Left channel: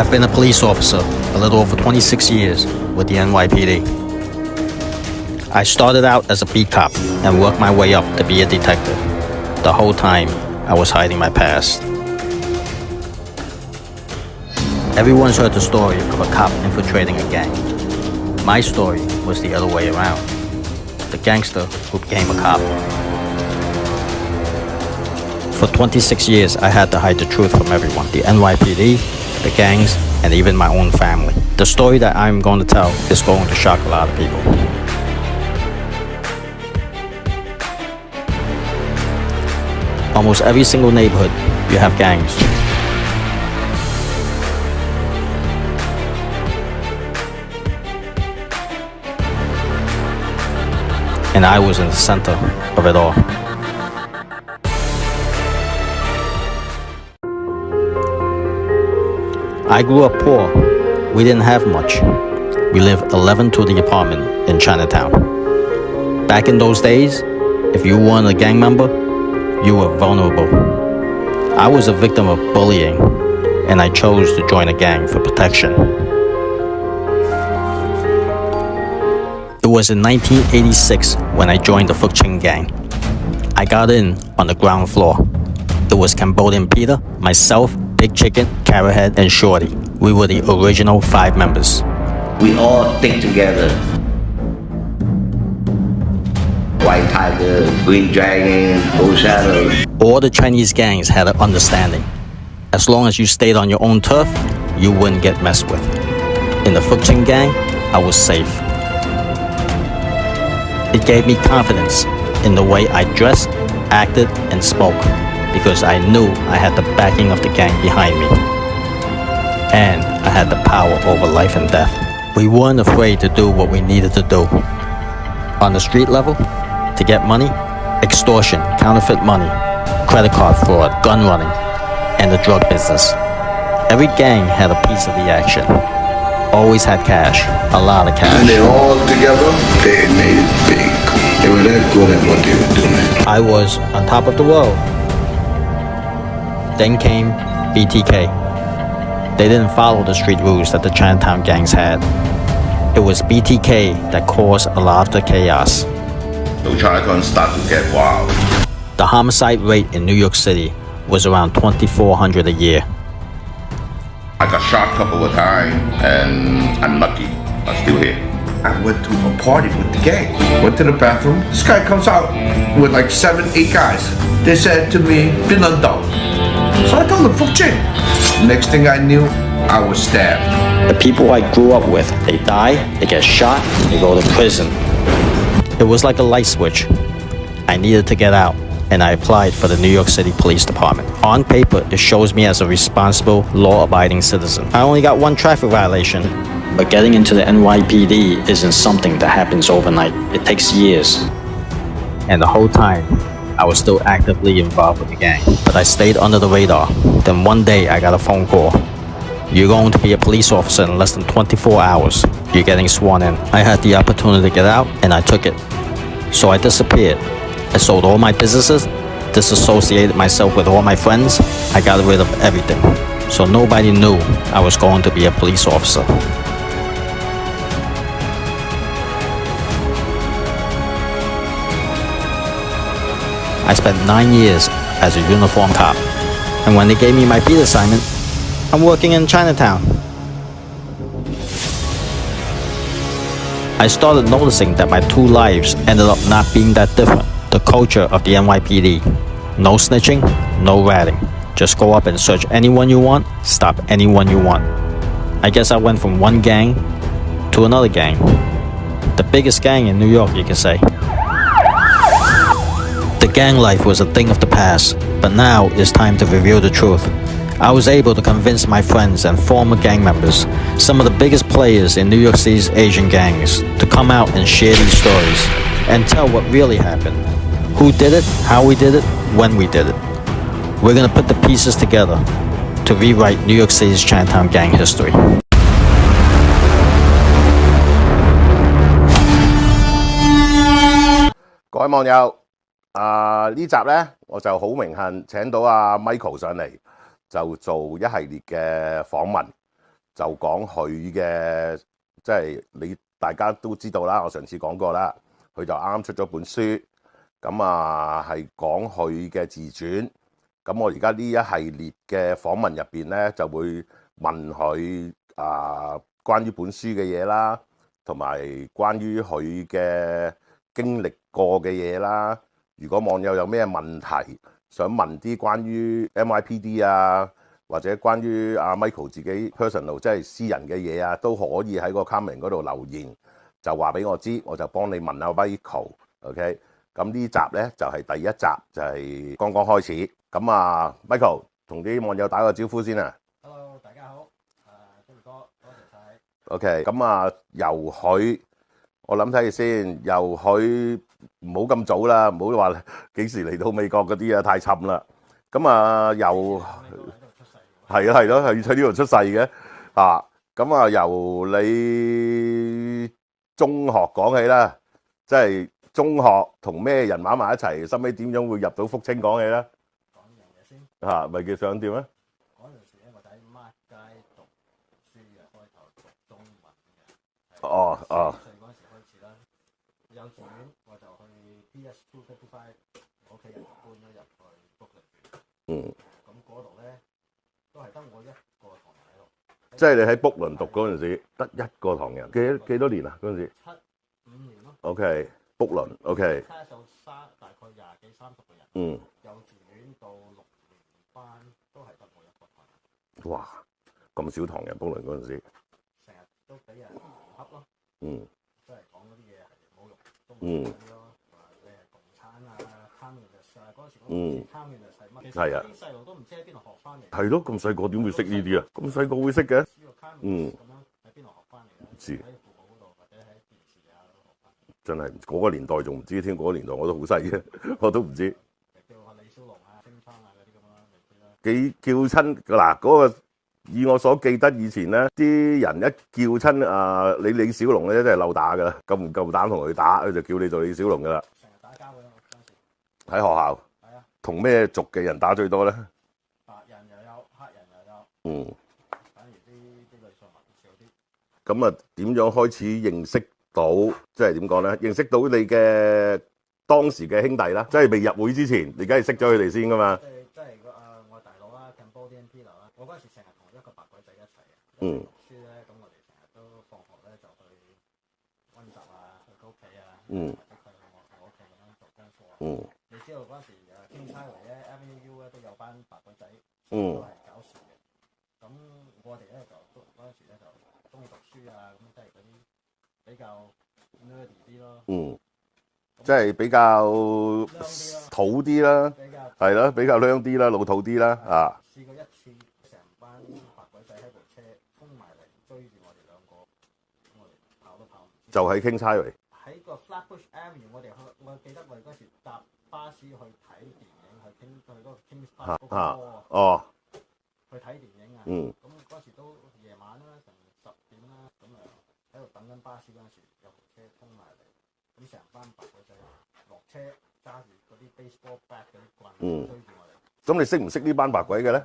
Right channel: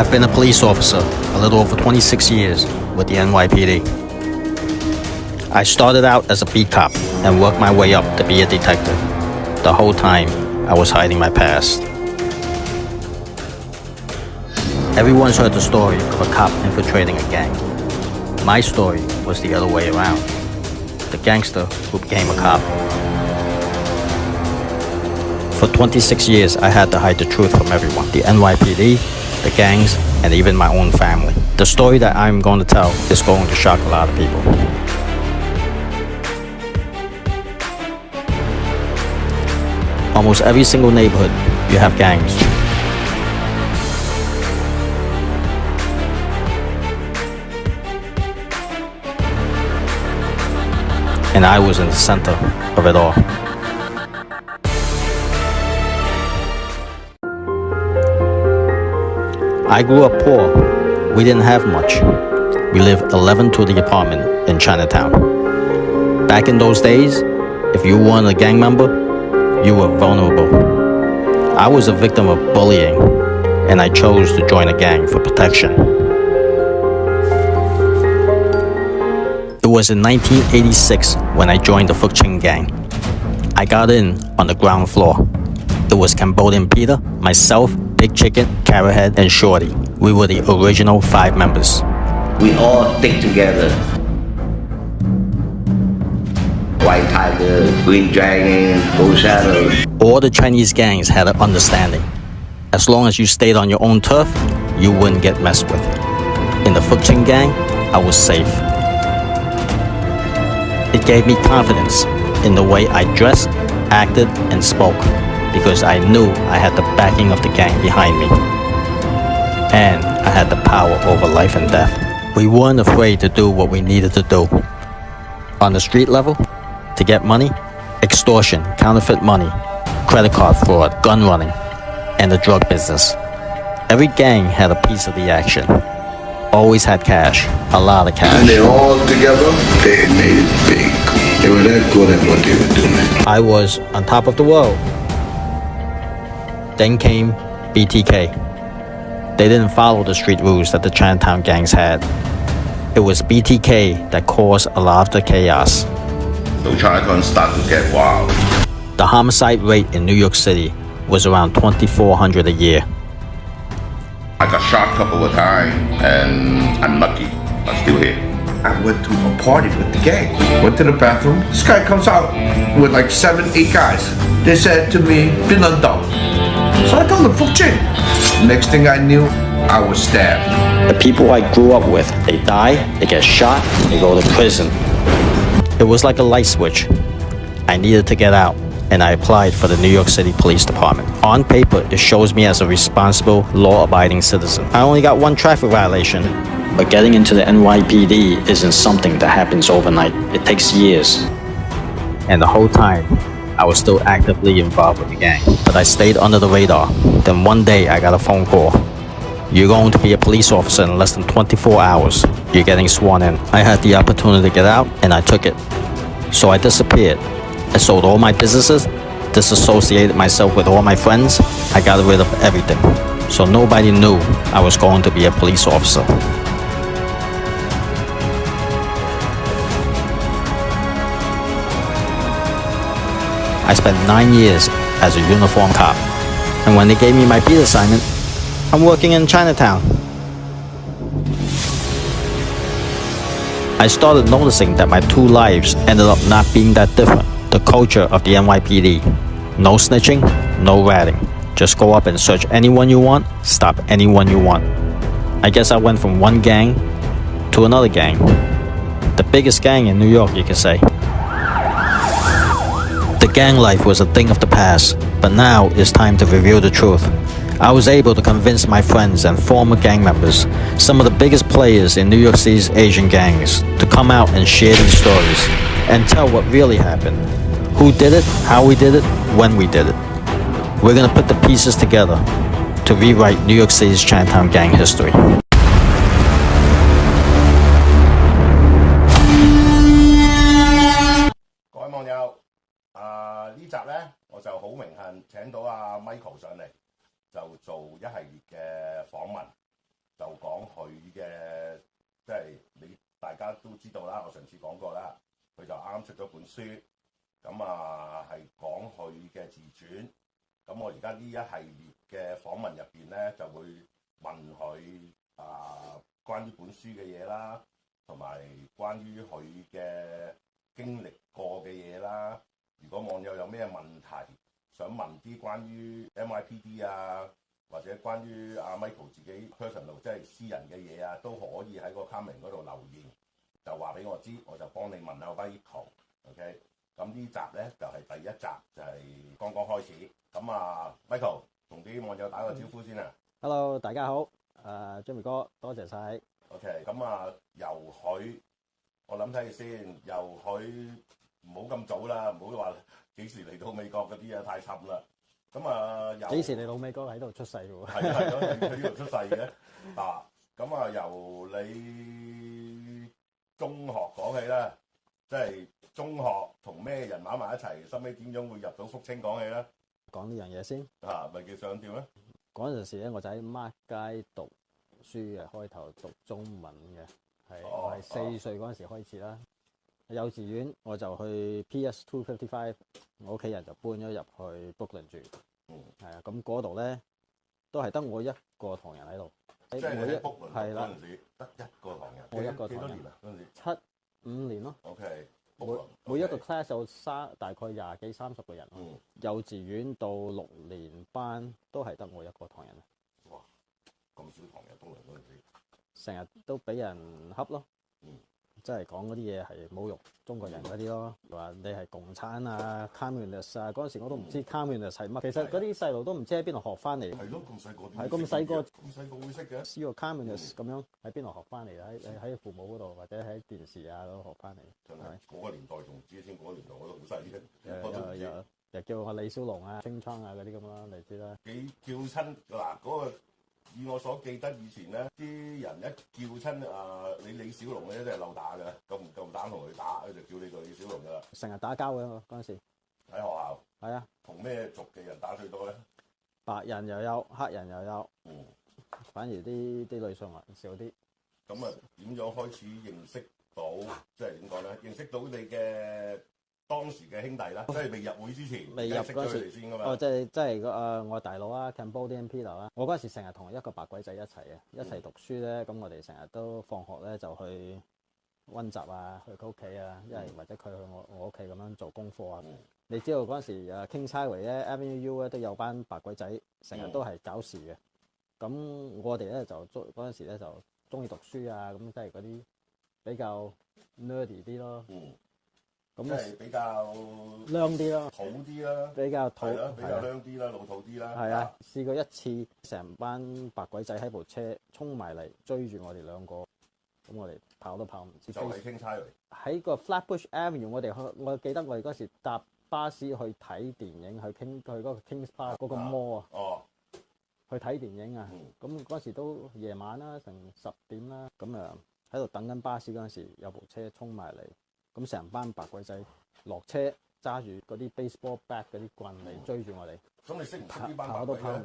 I've been a police officer a little over 26 years with the NYPD. I started out as a beat cop and worked my way up to be a detective. The whole time, I was hiding my past. Everyone's heard the story of a cop infiltrating a gang. My story was the other way around. The gangster who became a cop. For 26 years, I had to hide the truth from everyone. The NYPD, the gangs, and even my own family. The story that I'm going to tell is going to shock a lot of people. Almost every single neighborhood, you have gangs. And I was in the center of it all. I grew up poor. We didn't have much. We lived 11 to the apartment in Chinatown. Back in those days, if you weren't a gang member, you were vulnerable. I was a victim of bullying, and I chose to join a gang for protection. It was in 1986 when I joined the Phúc Chinh gang. I got in on the ground floor. It was Cambodian Peter, myself, Big Chicken, Carrot Head, and Shorty. We were the original 5 members. We all stick together. White Tiger, Green Dragon, Blue Shadow. All the Chinese gangs had an understanding. As long as you stayed on your own turf, you wouldn't get messed with. In the Phúc Chinh gang, I was safe. It gave me confidence in the way I dressed, acted, and spoke, because I knew I had the backing of the gang behind me. And I had the power over life and death. We weren't afraid to do what we needed to do. On the street level, to get money, extortion, counterfeit money, credit card fraud, gun running, and the drug business. Every gang had a piece of the action. Always had cash, a lot of cash. And they all together, they made it big. They were that good at what they were doing. I was on top of the world. Then came BTK. They didn't follow the street rules that the Chinatown gangs had. It was BTK that caused a lot of the chaos. So Chinatown started to get wild. The homicide rate in New York City was around 2,400 a year. I got shot a couple of times, and I'm lucky. I'm still here. I went to a party with the gang. Went to the bathroom. This guy comes out with like 7, 8 guys. They said to me, Binandong. So I told them, Phúc Chinh. Next thing I knew, I was stabbed. The people I grew up with, they die, they get shot, they go to prison. It was like a light switch. I needed to get out, and I applied for the New York City Police Department. On paper, it shows me as a responsible, law-abiding citizen. I only got 1 traffic violation, but getting into the NYPD isn't something that happens overnight. It takes years. And the whole time, I was still actively involved with the gang, but I stayed under the radar. Then one day, I got a phone call. You're going to be a police officer in less than 24 hours. You're getting sworn in. I had the opportunity to get out, and I took it. So I disappeared. I sold all my businesses, disassociated myself with all my friends. I got rid of everything. So nobody knew I was going to be a police officer. I spent 9 years as a uniformed cop. And when they gave me my beat assignment, I'm working in Chinatown. I started noticing that my 2 lives ended up not being that different. The culture of the NYPD. No snitching, no ratting. Just go up and search anyone you want, stop anyone you want. I guess I went from one gang to another gang. The biggest gang in New York, you can say. The gang life was a thing of the past, but now it's time to reveal the truth. I was able to convince my friends and former gang members, some of the biggest players in New York City's Asian gangs, to come out and share these stories and tell what really happened. Who did it, how we did it, when we did it. We're gonna put the pieces together to rewrite New York City's Chinatown gang history. 各位網友，呢集呢，我就好榮幸請到阿 Michael 上嚟，就做一系列嘅訪問。就講佢嘅，即係大家都知道啦，我上次講過啦，佢就啱啱出咗本書，咁啊係講佢嘅自傳。咁我而家呢一系列嘅訪問入邊咧，就會問佢關於本書嘅嘢啦，同埋關於佢嘅經歷過嘅嘢啦。如果網友有咩問題想問啲關於 NYPD 啊，或者關於阿 Michael 自己 personal 即係私人嘅嘢啊，都可以喺個 comment 嗰度留言，就話俾我知，我就幫你問阿 Michael。OK， 咁呢集咧就係第一集，就係剛剛開始。咁啊 ，Michael 同啲網友打個招呼先啊。Hello，大家好，Jimmy 哥，多謝晒。OK，咁啊，由佢，我諗睇下先，由佢唔好咁早啦，唔好話幾時嚟到美國嗰啲啊，太沉啦。咁啊，由幾時嚟到美國喺度出世嘅喎？係啊係咯，係喺呢度出世嘅啊。咁啊，由你中學講起啦，即係中學同咩人玩埋一齊，收尾點樣會入到福清講起咧？講呢樣嘢先。咪叫想點咧？嗰陣時咧，我就喺 Mark 街讀書嘅，開頭讀中文嘅，係4歲嗰陣時開始啦。幼稚園我就去 PS 255，我屋企人就搬咗入去 Brooklyn 住。係啊，咁嗰度咧都係得我一個唐人喺度。即係你喺 Brooklyn 讀嗰陣時，得一個唐人，幾多年啊？嗰陣時5年咯。OK，Brooklyn，OK。class 有大概20幾30個人。幼稚園到6年班都係得我一個唐人。哇！咁少唐人 Brooklyn 嗰陣時，成日都俾人恰咯。即係講嗰啲嘢係侮辱中國人嗰啲咯，話你係共產啊、communist 啊，嗰陣時我都唔知 communist 係乜。其實嗰啲細路都唔知喺邊度學翻嚟。係咯，咁細個點會識呢啲啊？咁細個會識嘅？知個 communist 咁樣喺邊度學翻嚟啊？喺父母嗰度或者喺電視啊嗰度學翻嚟。真係嗰個年代仲唔知添，嗰個年代我都好細嘅，我都唔知。又叫我李小龍啊、清倉啊嗰啲咁啦，你知啦。幾叫親嗱嗰個？以我所記得，以前咧啲人一叫親你李小龍咧，真係漏打噶啦，夠唔夠膽同佢打，佢就叫你做李小龍噶啦。成日打交噶嘛嗰陣時。喺學校。係啊。同咩族嘅人打最多咧？白人又有，黑人又有。反而啲女上人少啲。咁啊，點樣開始認識到，即係點講咧？認識到你嘅當時嘅兄弟啦，即係未入會之前，你梗係識咗佢哋先噶嘛？即係我大佬啊 Cambodian Peter 啦。我嗰陣時成日同一個白鬼仔一齊嘅，一齊讀書咧。咁我哋成日都放學咧就去温習啊，去佢屋企啊，或者佢去我屋企咁樣做功課啊。你知道嗰陣時Kings Highway 咧 Avenue U 咧都有班白鬼仔，成日都係搞事嘅。咁我哋咧就嗰陣時咧就中意讀書啊，咁即係嗰啲比較 nerdy 啲咯。即係比較靚啲咯，土啲啦，比較係咯，比較靚啲啦，老土啲啦。試過一次，成班白鬼仔喺部車衝埋嚟追住我哋兩個，咁我哋跑都跑唔切。就喺 Kings Highway，喺個 Flatbush Avenue，我記得我哋嗰時搭巴士去睇電影，去嗰個 Kings Park 嗰個 mall 啊。去睇電影啊。咁嗰時都夜晚啦，成10點啦，咁喺度等緊巴士嗰陣時，有部車衝埋嚟。咁成班白鬼仔落車，揸住嗰啲 baseball bat 嗰啲棍追住我哋。咁你識唔識呢班白鬼嘅咧？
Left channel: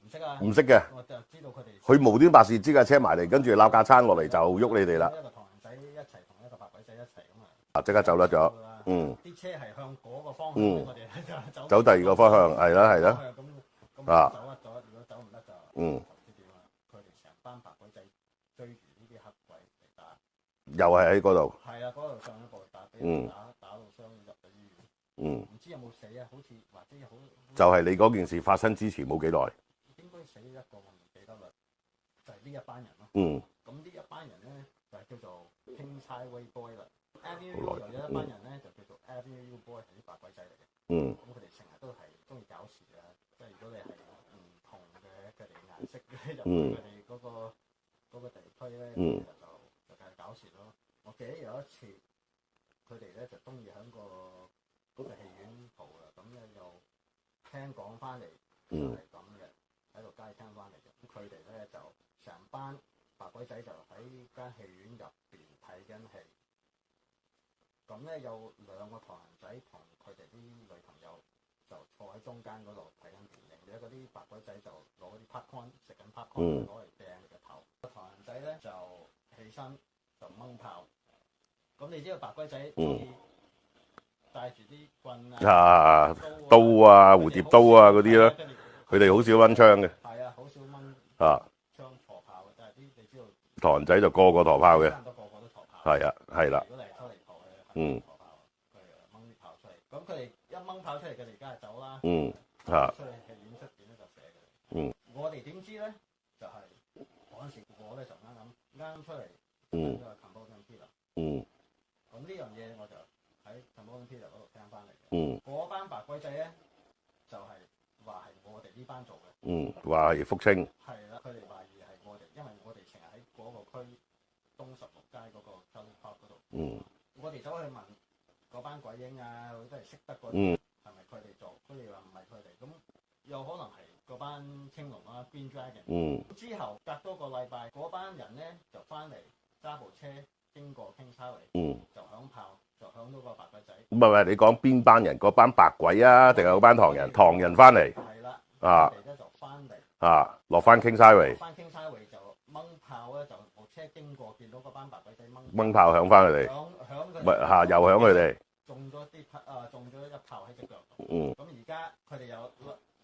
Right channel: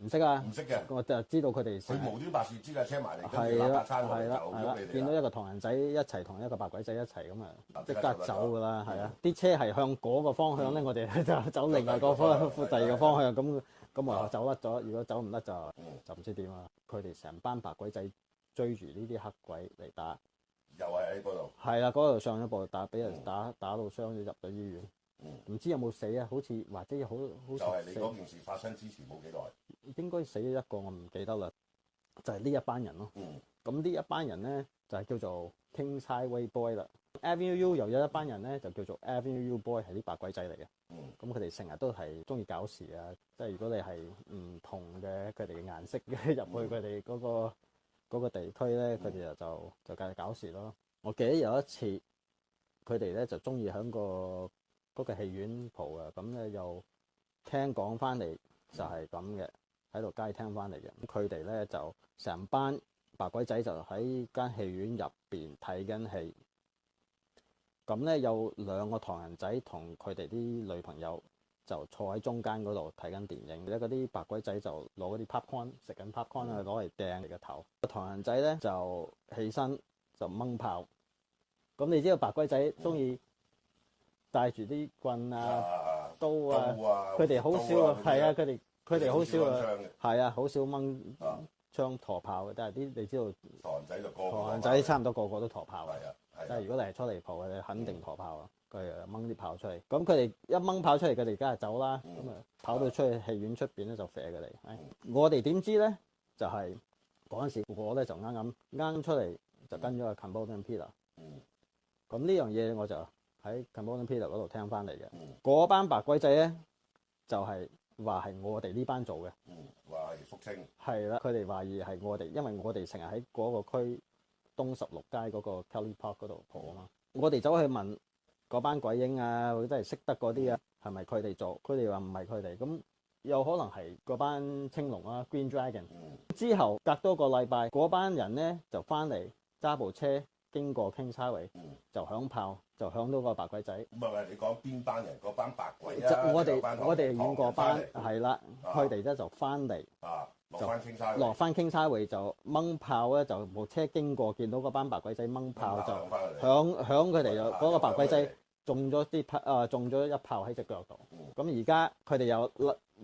唔識啊！唔識嘅。我就知道佢哋。佢無端白事，支架車埋嚟，跟住攬架餐落嚟就喐你哋啦。一個唐人仔一齊同一個白鬼仔一齊咁啊！即刻走甩咗。啲車係向嗰個方向咧，我哋就走第二個方向，係啦係啦。咁啊走甩咗，如果走唔甩就唔知點啦。佢哋成班白鬼仔追住呢啲黑鬼嚟打。又係喺嗰度，係啊，嗰度上一步俾人打到傷咗入咗醫院，唔知有冇死啊？好似或者好就係你嗰件事發生之前冇幾耐，應該死咗一個，我唔記得啦，就係呢一班人咯。咁呢一班人咧就係叫做 Kings Highway Boy 啦。Avenue U 又有一班人咧就叫做 Avenue U Boy，係啲白鬼仔嚟嘅。咁佢哋成日都係中意搞事啊，即係如果你係唔同嘅佢哋嘅顏色嘅入去佢哋嗰個地區咧，佢哋就繼續搞事咯。我記得有一次，佢哋咧就中意喺嗰個戲院蒲啊，咁咧又聽講翻嚟就係咁嘅，喺度街聽翻嚟嘅。咁佢哋咧就成班白鬼仔就喺間戲院入邊睇緊戲。咁咧有2個唐人仔同佢哋啲女朋友就坐喺中間嗰度睇緊電影，而家嗰啲白鬼仔就攞嗰啲 popcorn 食緊 popcorn 攞嚟掟你個頭。唐人仔咧就起身就掹炮。咁你知道白鬼仔中意帶住啲棍啊、刀啊、蝴蝶刀啊嗰啲啦，佢哋好少掹槍嘅。係啊，好少掹槍陀炮嘅，但係啲你知道唐人仔就個個陀炮嘅，差唔多個個都陀炮。係啊，係啦。如果你係初離譜嘅，你肯定陀炮啊！佢掹啲炮出嚟，咁佢哋一掹炮出嚟，佢哋梗係走啦。跑到出去戲院出邊咧就射佢哋。我哋點知咧？就係嗰陣時我咧就啱出嚟就跟咗個 Cambodian Peter。咁呢樣嘢我就喺 Cambodian Peter 嗰度聽翻嚟嘅。嗰班白鬼仔咧就係話係我哋呢班做嘅。話係福清。係啦，佢哋懷疑係我哋，因為我哋成日喺嗰個區東16街嗰個 Kelly Park 嗰度。我哋走去問嗰班鬼影啊，或者係識得嗰啲啊，係咪佢哋做？佢哋話唔係佢哋，咁有可能係嗰班青龍啊 Green Dragon。之後隔多個禮拜，嗰班人咧就翻嚟揸部車經過 Kings Highway，就響炮，就響到個白鬼仔。唔係，你講邊班人？嗰班白鬼啊，定係嗰班唐人？唐人翻嚟。係啦，佢哋咧就翻嚟。落翻 Kings Highway。落翻 Kings Highway就掹炮咧，就部車經過，見到嗰班白鬼仔掹炮響翻佢哋。響佢哋。又響佢哋。中咗一炮喺隻腳度。咁而家佢哋又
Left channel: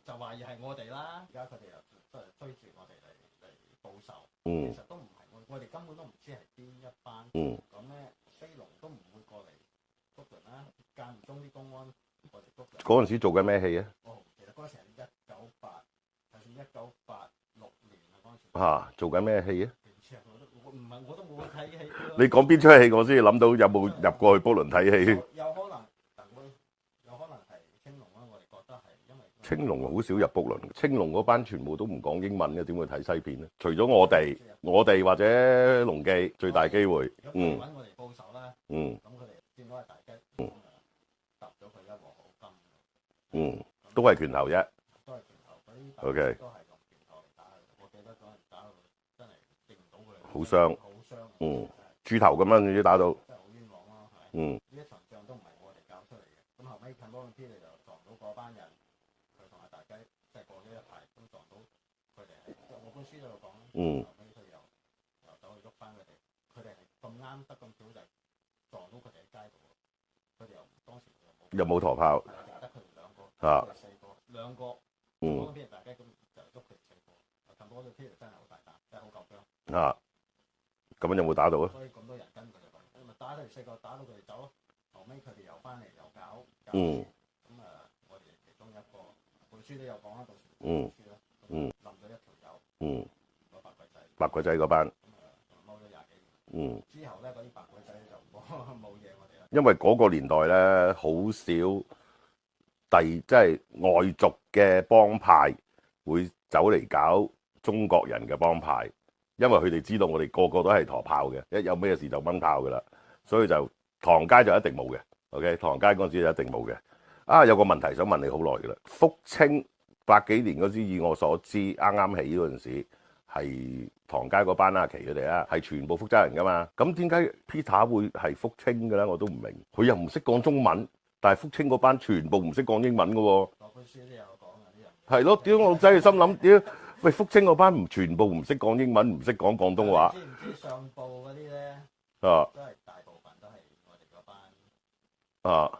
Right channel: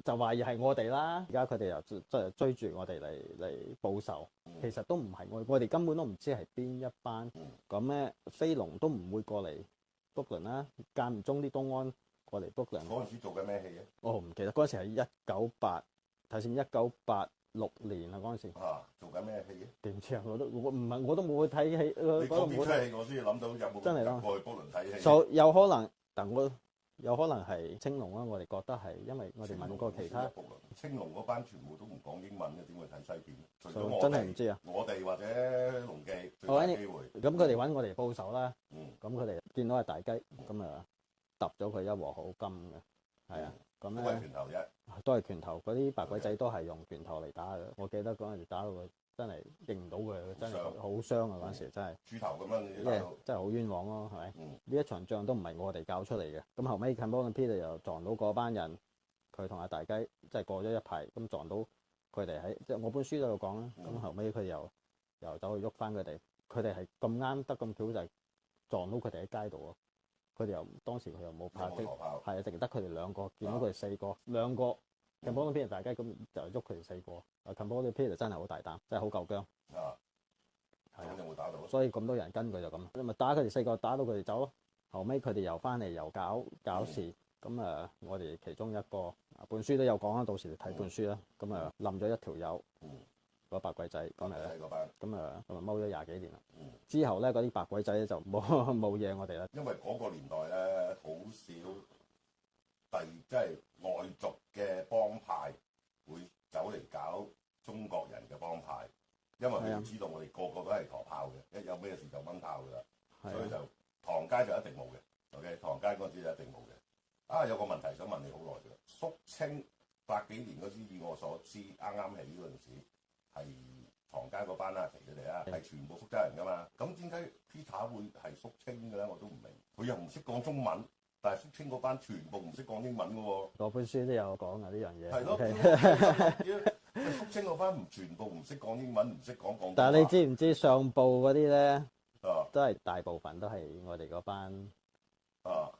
就懷疑係我哋啦。而家佢哋又即係追住我哋嚟報仇。其實都唔係我哋根本都唔知係邊一班。咁咧飛龍都唔會過嚟 Brooklyn 啦。間唔中啲東安過嚟 Brooklyn。嗰陣時做緊咩戲啊？我唔記得。嗰陣時係1986年啊，嗰陣時。做緊咩戲啊？電視我都冇去睇戲。你講邊出戲我先諗到有冇入過去 Brooklyn 睇戲？有可能，但有可能係青龍啦。我哋覺得係因為青龍好少入 Brooklyn。青龍嗰班全部都唔講英文嘅，點會睇西片咧？除咗我哋或者龍記最大機會。咁佢哋揾我哋報仇啦。咁佢哋見到係大雞，咁啊揼咗佢一鑊好金嘅。都係拳頭啫。都係拳頭，嗰啲白鬼仔都係用拳頭嚟打嘅。我記得嗰陣時打到佢真係認唔到佢，好傷，好傷啊！嗰時真係豬頭咁樣，你打到真係好冤枉咯，係咪？呢一場仗都唔係我哋教出嚟嘅。咁後尾 Cambodian Peter 又撞到嗰班人，佢同阿大雞即係過咗一排，咁撞到佢哋喺即係我本書嗰度講啦。咁後尾佢又走去喐翻佢哋，佢哋係咁啱得咁巧就係撞到佢哋喺街度咯。佢哋又當時佢又冇陀炮，係啊，淨得佢哋兩個，佢哋4個，兩個。Cambodian Peter 大雞咁就喐佢哋4個。Cambodian Peter 真係好大膽，真係好夠薑。咁樣有冇打到啊？所以咁多人跟佢就咁，你咪打佢哋4個，打到佢哋走咯。後尾佢哋又翻嚟又搞事，咁我哋其中一個本書都有講啦，到時你睇本書啦。咁冧咗一條友。嗰白鬼仔嗰班，咁咪踎咗20幾年啦。之後咧，嗰啲白鬼仔就冇嘢我哋啦。因為嗰個年代咧，好少即係外族嘅幫派會走嚟搞中國人嘅幫派，因為佢哋知道我哋個個都係陀炮嘅，一有咩事就掹炮噶啦，所以就唐街就一定冇嘅。OK， 唐街嗰陣時就一定冇嘅。有個問題想問你好耐噶啦，福清80幾年嗰時，以我所知，啱啱起嗰陣時。係唐街嗰班阿奇佢哋啊，係全部福州人噶嘛？咁點解 Peter 會係福清嘅咧？我都唔明。佢又唔識講中文，但係福清嗰班全部唔識講英文嘅喎。嗰本書都有講啊，呢樣嘢。係咯，屌我真係心諗，屌喂福清嗰班全部唔識講英文，唔識講廣東話。你知唔知上報嗰啲咧？都係大部分都係我哋嗰班。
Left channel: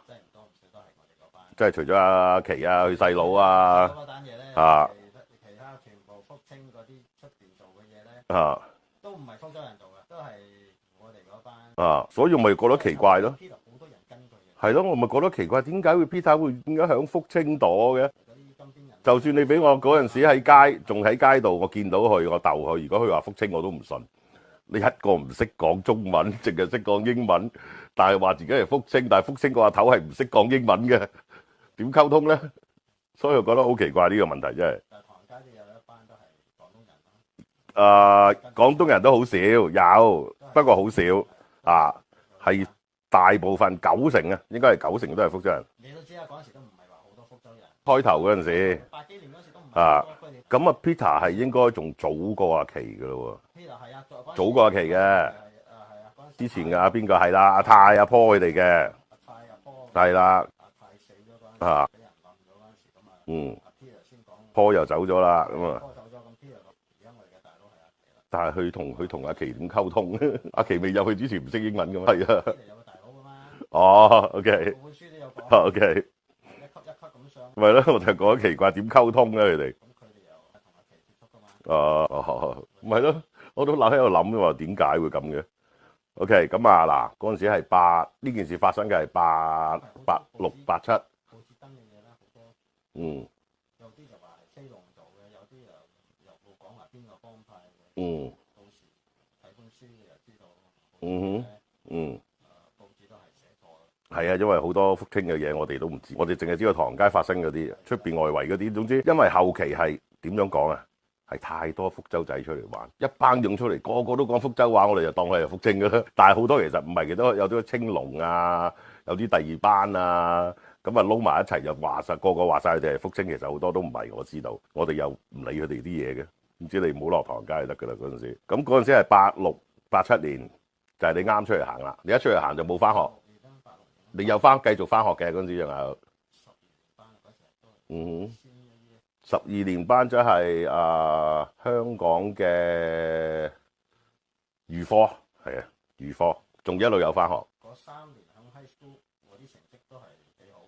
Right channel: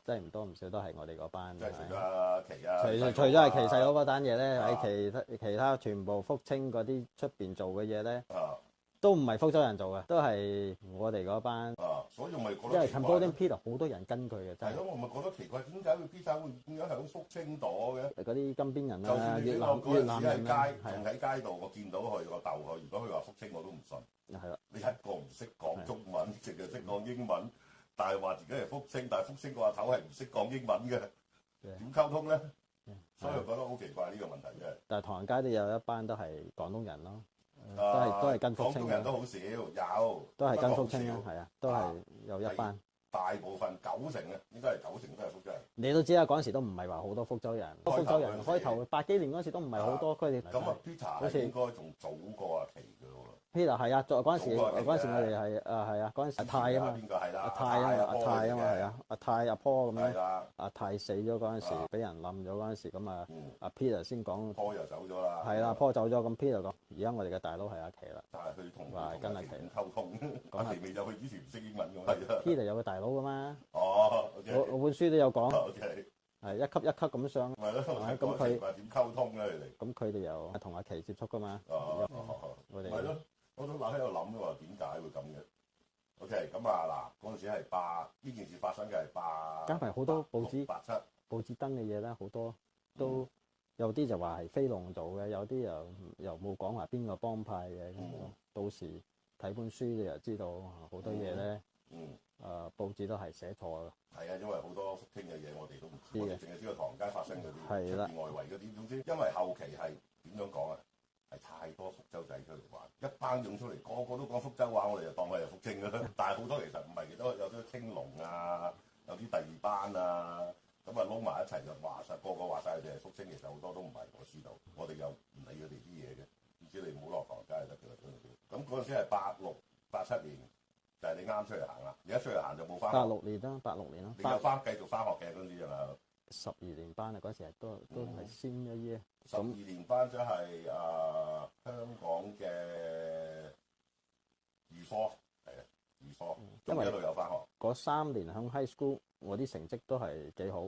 即係唔多唔少都係我哋嗰班。即係除咗阿奇啊，佢細佬啊。其實嗰單嘢咧，其他全部福清嗰啲出邊做嘅嘢咧，都唔係福州人做嘅，都係我哋嗰班。所以我咪覺得奇怪咯。Peter 好多人跟佢嘅。係咯，我咪覺得奇怪，點解會 Peter 會點解響福清朵嘅？嗰啲金邊人。就算你俾我嗰陣時喺街，仲喺街度，我見到佢，我逗佢。如果佢話福清，我都唔信。係啦。你一個唔識講中文，淨係識講英文。但係話自己係福清，但係福清個阿頭係唔識講英文嘅，點溝通咧？所以我覺得好奇怪呢個問題真係。但係唐人街都有一班都係廣東人咯。廣東人都好少，有，不過好少。係大部分90%啊，應該係90%都係福州人。你都知啦，嗰陣時都唔係話好多福州人。開頭嗰陣時，80幾年嗰時都唔係好多。咁啊，Peter 係應該仲早過阿奇㗎咯喎。Peter 係啊，早嗰陣時早過阿奇嘅係啊，嗰陣時之前嘅邊個係啦？阿泰、阿坡佢哋嘅，阿泰、阿坡咁係啦，阿泰死咗嗰陣啊時，俾人冧咗嗰陣時，咁啊，阿 Peter 先講，坡又走咗啦，咁係啊，啊。坡走咗，咁 Peter 講，而家我哋嘅大佬係阿奇啦。但係佢同阿奇點溝通？阿奇未入去之前唔識英文㗎嘛？係啊。 Peter 有個大佬噶嘛？哦，OK，我本書都有講， OK，係一級一級咁上。咪咯，我就覺得奇怪點溝通咧佢哋。咁佢哋又係同阿奇接觸噶嘛？哦，咪咯，我都喺度諗嘅話，點解會咁嘅？OK，咁啊嗱，嗰陣時係呢件事發生嘅係86、87。報紙登嘅嘢咧好多，嗯，有啲就話係飛龍做嘅，有啲又冇講話邊個幫派嘅。到時睇本書你就知道好多嘢咧。報紙都係寫錯嘅。係啊，因為好多福清嘅嘢我哋都唔知，我哋淨係知道唐人街發生嗰啲，出邊外圍嗰啲。總之，因為後期係點樣講啊？係太多福州仔出嚟玩，一班湧出嚟，個個都講福州話，我哋就當佢係福清㗎啦。但係好多其實唔係，其實有啲青龍啊，有啲第二班啊，咁啊撈埋一齊就話晒，個個話晒佢哋係福清，其實好多都唔係，我知道。我哋又唔理佢哋啲嘢嘅，唔知你唔好落唐人街就得㗎啦嗰陣時。咁嗰陣時係86、87年，就係你啱出嚟行啦。你一出嚟行就冇翻學。86年啦，86年啦。你有繼續翻學嘅嗰陣時仲有。12年班啊，嗰時係都先一耶。12年班即係香港嘅預科，係啊，預科，仲一路有翻學。嗰3年響 high school，我啲成績都係幾好。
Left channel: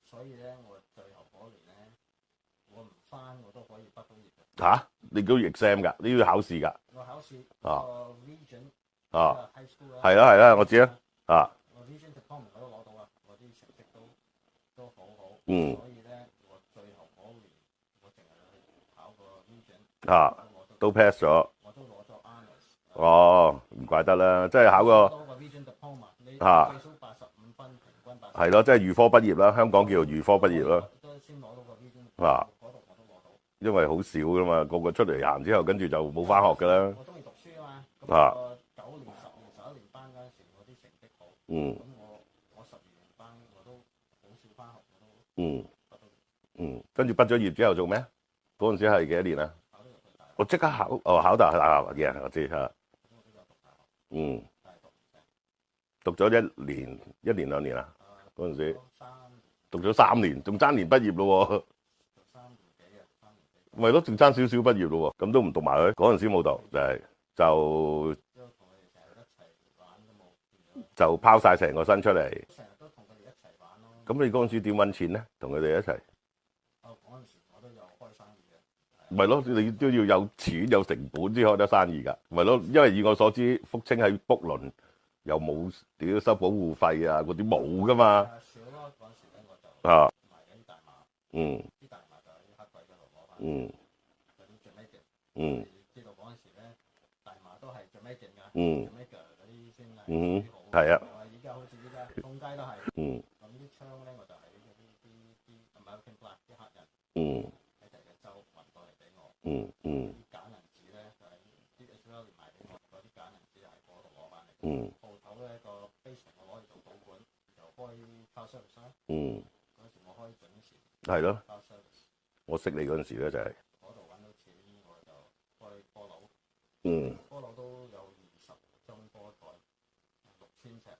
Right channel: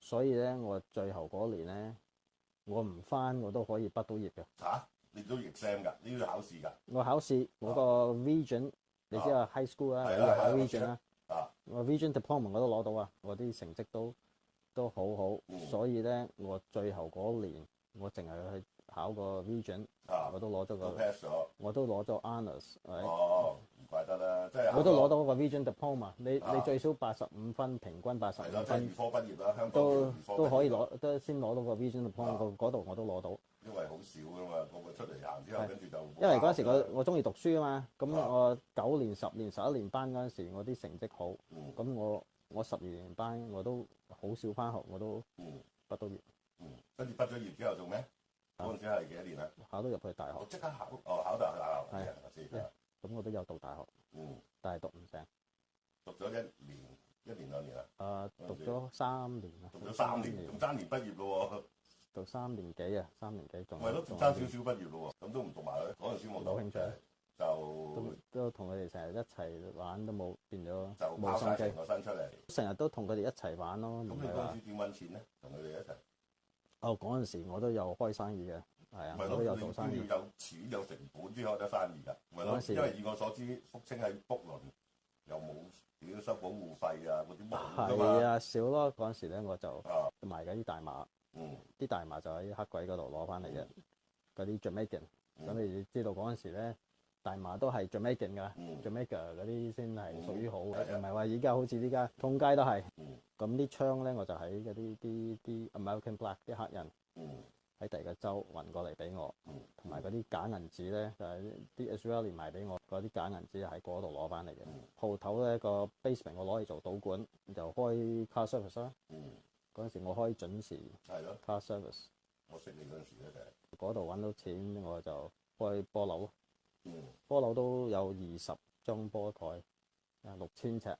所以咧，我最後嗰年咧，我唔翻我都可以畢到業嘅。嚇？你都要 exam 㗎？你要考試㗎？我考試嗰個 region，即係 high school 啦。係啦，我知啊。我 region diploma 我都攞到啊，我啲成績都好好。所以咧，我最後嗰年我淨係去考個 region，我都攞咗，都 pass 咗，我都攞咗 honors。哦，唔怪得啦，即係考個攞到個 region diploma，你最少85分，平均80。係咯，即係預科畢業啦，香港叫做預科畢業咯。都先攞到個 region diploma，嗰度我都攞到。因為好少噶嘛，個個出嚟行之後，跟住就冇翻學㗎啦。我中意讀書啊嘛，咁我9年、10年、11年班嗰陣時，我啲成績好。咁我12年班我都好少翻學，我都畢到業。跟住畢咗業之後做咩？嗰陣時係幾多年啊？考到入去大學。我即刻考，考大學嘅，我知嚇。咁我都有讀大學。但係讀唔成。讀咗1年、2年啊？嗰陣時。讀咗3年。讀咗3年，仲爭年畢業咯喎。讀3年幾啊？3年幾？咪咯，仲爭少少畢業咯喎，咁都唔讀埋佢。嗰陣時冇讀，都同佢哋成日一齊玩都冇變咗。就拋晒成個身出嚟。成日都同佢哋一齊玩咯。咁你嗰陣時點揾錢咧？同佢哋一齊。嗰陣時我都有開生意嘅，係啊。咪咯，你都要有錢有成本先開得生意㗎。咪咯，因為以我所知，福清喺卜倫又冇屌收保護費啊，嗰啲冇㗎嘛。係啊，少咯。嗰陣時咧我就賣緊啲大麻。啲大麻就喺黑鬼嗰度攞翻嚟嘅，嗰啲 Jamaican。你知道嗰陣時咧，大麻都係 Jamaican 㗎，Jamaica 嗰啲先係屬於好，唔係話而家好似依家通街都係。咁啲槍咧，我就喺嗰啲 American Black 啲黑人喺第二個州運過嚟俾我，同埋嗰啲假銀紙咧就係啲 Israeli 賣俾我，嗰啲假銀紙喺嗰度攞翻嚟嘅。鋪頭咧個 basement 我攞嚟做賭館，就開 car service 啦。嗰陣時我開準時係咯 car service。我識你嗰陣時咧就係嗰度揾到錢，我就開波樓。波樓都有20張波台，6000尺。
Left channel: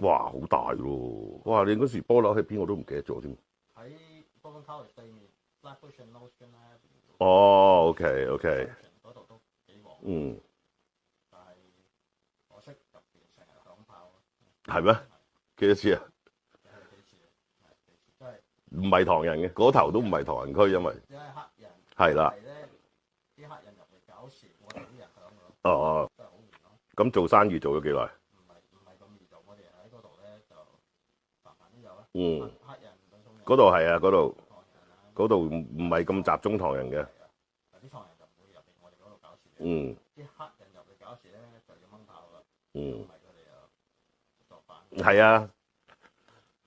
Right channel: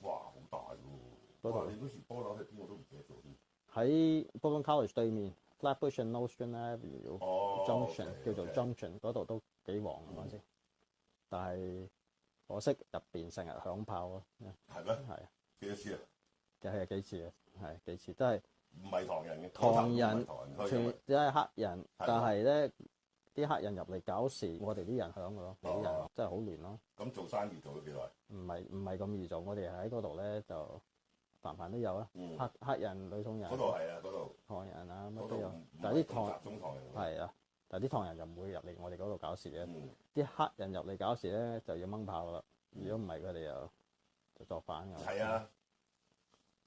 哇，好大咯！哇，你嗰時波樓喺邊我都唔記得咗添。喺 Brooklyn College 對面 ，Flatbush and Nostrand Avenue。OK。嗰度都幾旺。但係可惜入邊成日響炮咯。係咩？係。幾多次啊？係幾次啊？係幾次都係。唔係唐人嘅，嗰頭都唔係唐人區，因為。即係黑人。係啦。係咧。啲黑人入嚟搞事，我哋啲人響㗎咯，真係好亂咯。咁做生意做咗幾耐？唔係咁易做，我哋喺嗰度咧就凡都有啊。黑人女唐人。嗰度係啊，嗰度。唐人啊。嗰度唔係咁集中唐人嘅。係啊，但係啲唐人就唔會入嚟我哋嗰度搞事嘅。啲黑人入嚟搞事咧就要掹炮啦，如果唔係佢哋就作反。係啊，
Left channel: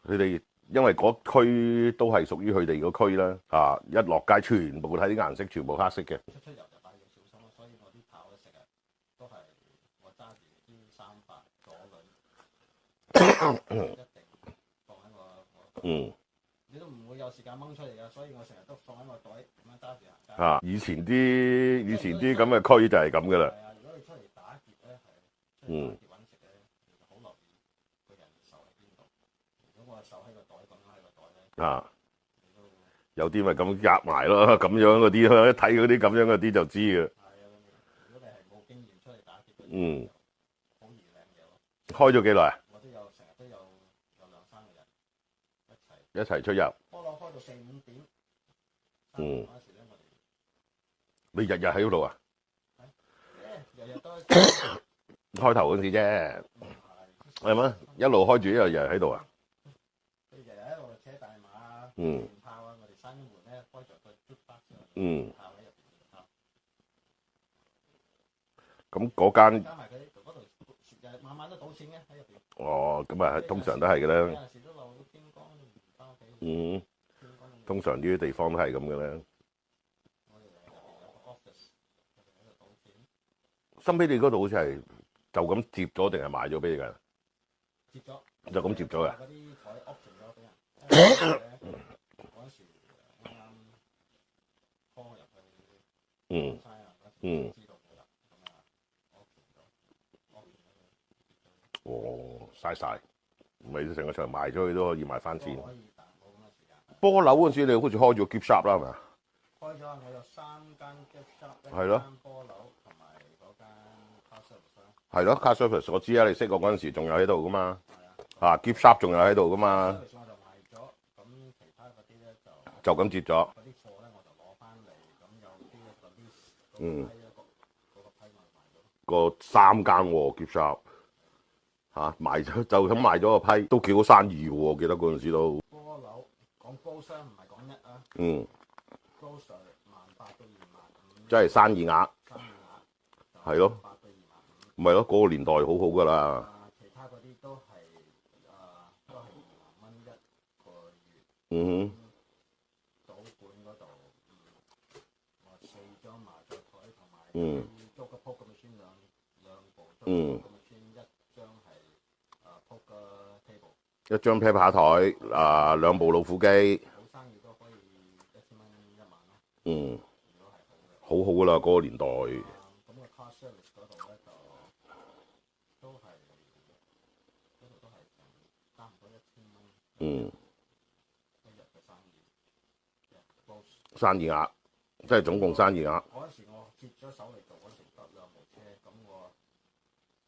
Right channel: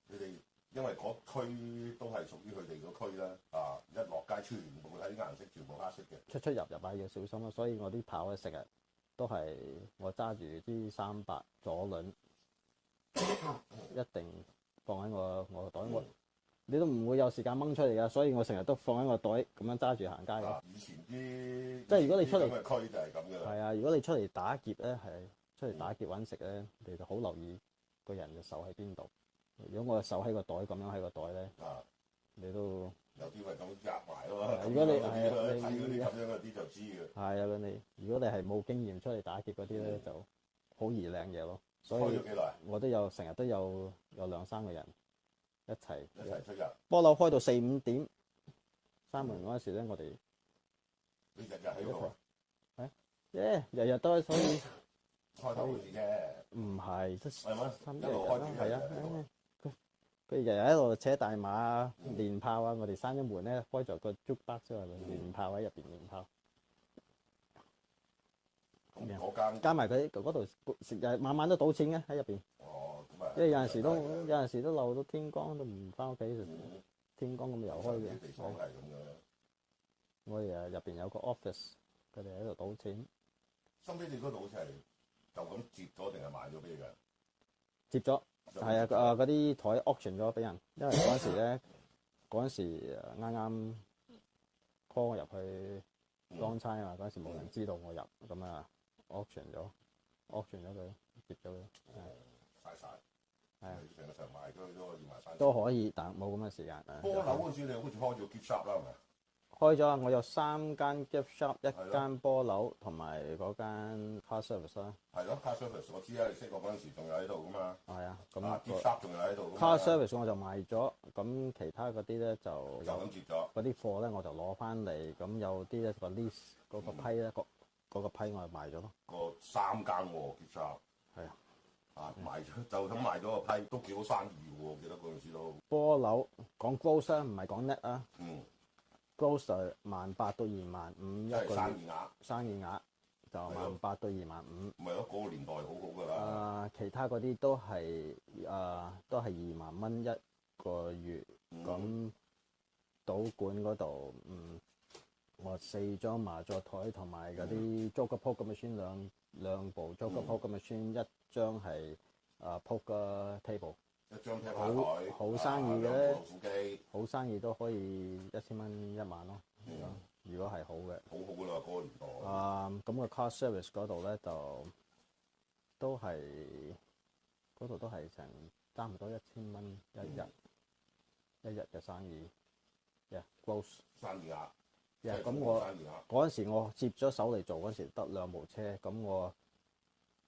佢哋。因為嗰區都係屬於佢哋個區啦，一落街全部睇啲顏色，全部黑色嘅。出入係要小心咯，所以我啲炮咧成日都係我揸住啲300左輪，一定放喺我袋度。你都唔會有時間掹出嚟㗎，所以我成日都放喺個袋咁樣揸住行街。啊！以前啲咁嘅區就係咁噶啦。係啊，如果你出嚟打劫咧，出嚟打劫揾食咧，你就好留意個人嘅手喺邊度。如果我嘅手喺個袋咁樣喺個袋咧，啊，你都有啲咪咁夾埋咯，咁樣嗰啲，一睇嗰啲咁樣嗰啲就知嘅。係啊，如果你係冇經驗出嚟打劫嗰啲就好易領嘢咯。開咗幾耐啊？我成日都有2-3個人一齊出入。波樓開到4-5點，閂門嗰時咧，我哋你日日喺嗰度啊？日日都開頭嗰時啫。唔係，係咩？一路開住一日喺度啊？佢日日喺度扯大馬啊、練炮啊，我哋閂咗門咧，開咗個 jukebox 出嚟，練炮喺入邊練炮。咁嗰間加埋佢嗰度晚晚都賭錢嘅喺入邊。哦，咁啊，通常都係嘅啦。有陣時都漏到天光都唔翻屋企。天光咁。通常呢啲地方都係咁嘅啦。我哋入邊有個 office，佢哋喺度賭錢。深俾你嗰度好似係就咁接咗定係賣咗俾你㗎？接咗。就咁接咗啊！嗰啲台 auction 咗俾人，因為嗰時咧嗰陣時啱啱 call 我入去當差啊，嗰陣時冇人知道我入，咁啊 auction 咗佢，接咗佢。哦，嘥晒，咪成個場賣咗佢都可以賣翻錢。都可以，但冇咁嘅時間。波樓嗰陣時，你好似開咗 gift shop 啦，係咪啊？開咗啊！我有3間 gift shop，一間波樓同埋嗰間 car service 啦。係咯 ，car service 我知啊，你識我嗰陣時仲有喺度噶嘛。係啊。gift shop 仲有喺度噶嘛。car service 我就賣咗，咁其他嗰啲咧就咁接咗。嗰啲貨咧我就攞翻嚟，咁有啲咧個 list 嗰個批咧嗰個批我就賣咗咯。個3間喎 gift shop。係啊。嚇賣咗就咁賣咗個批，都幾好生意喎！我記得嗰陣時都。波樓講 gross 唔係講 net 啊。gross 18,000到25,000，即係生意額。生意額就係咯，18,000到25,000。唔係咯，嗰個年代好好㗎啦。其他嗰啲都係20,000蚊一個月。賭館嗰度，我4張麻雀台同埋嗰啲 Joker poker machine 兩部 Joker poker machine，一張係poker table。一張啤牌台，2部老虎機，好生意都可以1000蚊1晚咯。如果係好嘅，好好噶啦，嗰個年代。咁個 car service 嗰度咧就都係嗰度都係成差唔多1000蚊一日嘅生意，close 生意額，即係總共生意額。嗰陣時我接咗手嚟做嗰陣時得2部車，咁我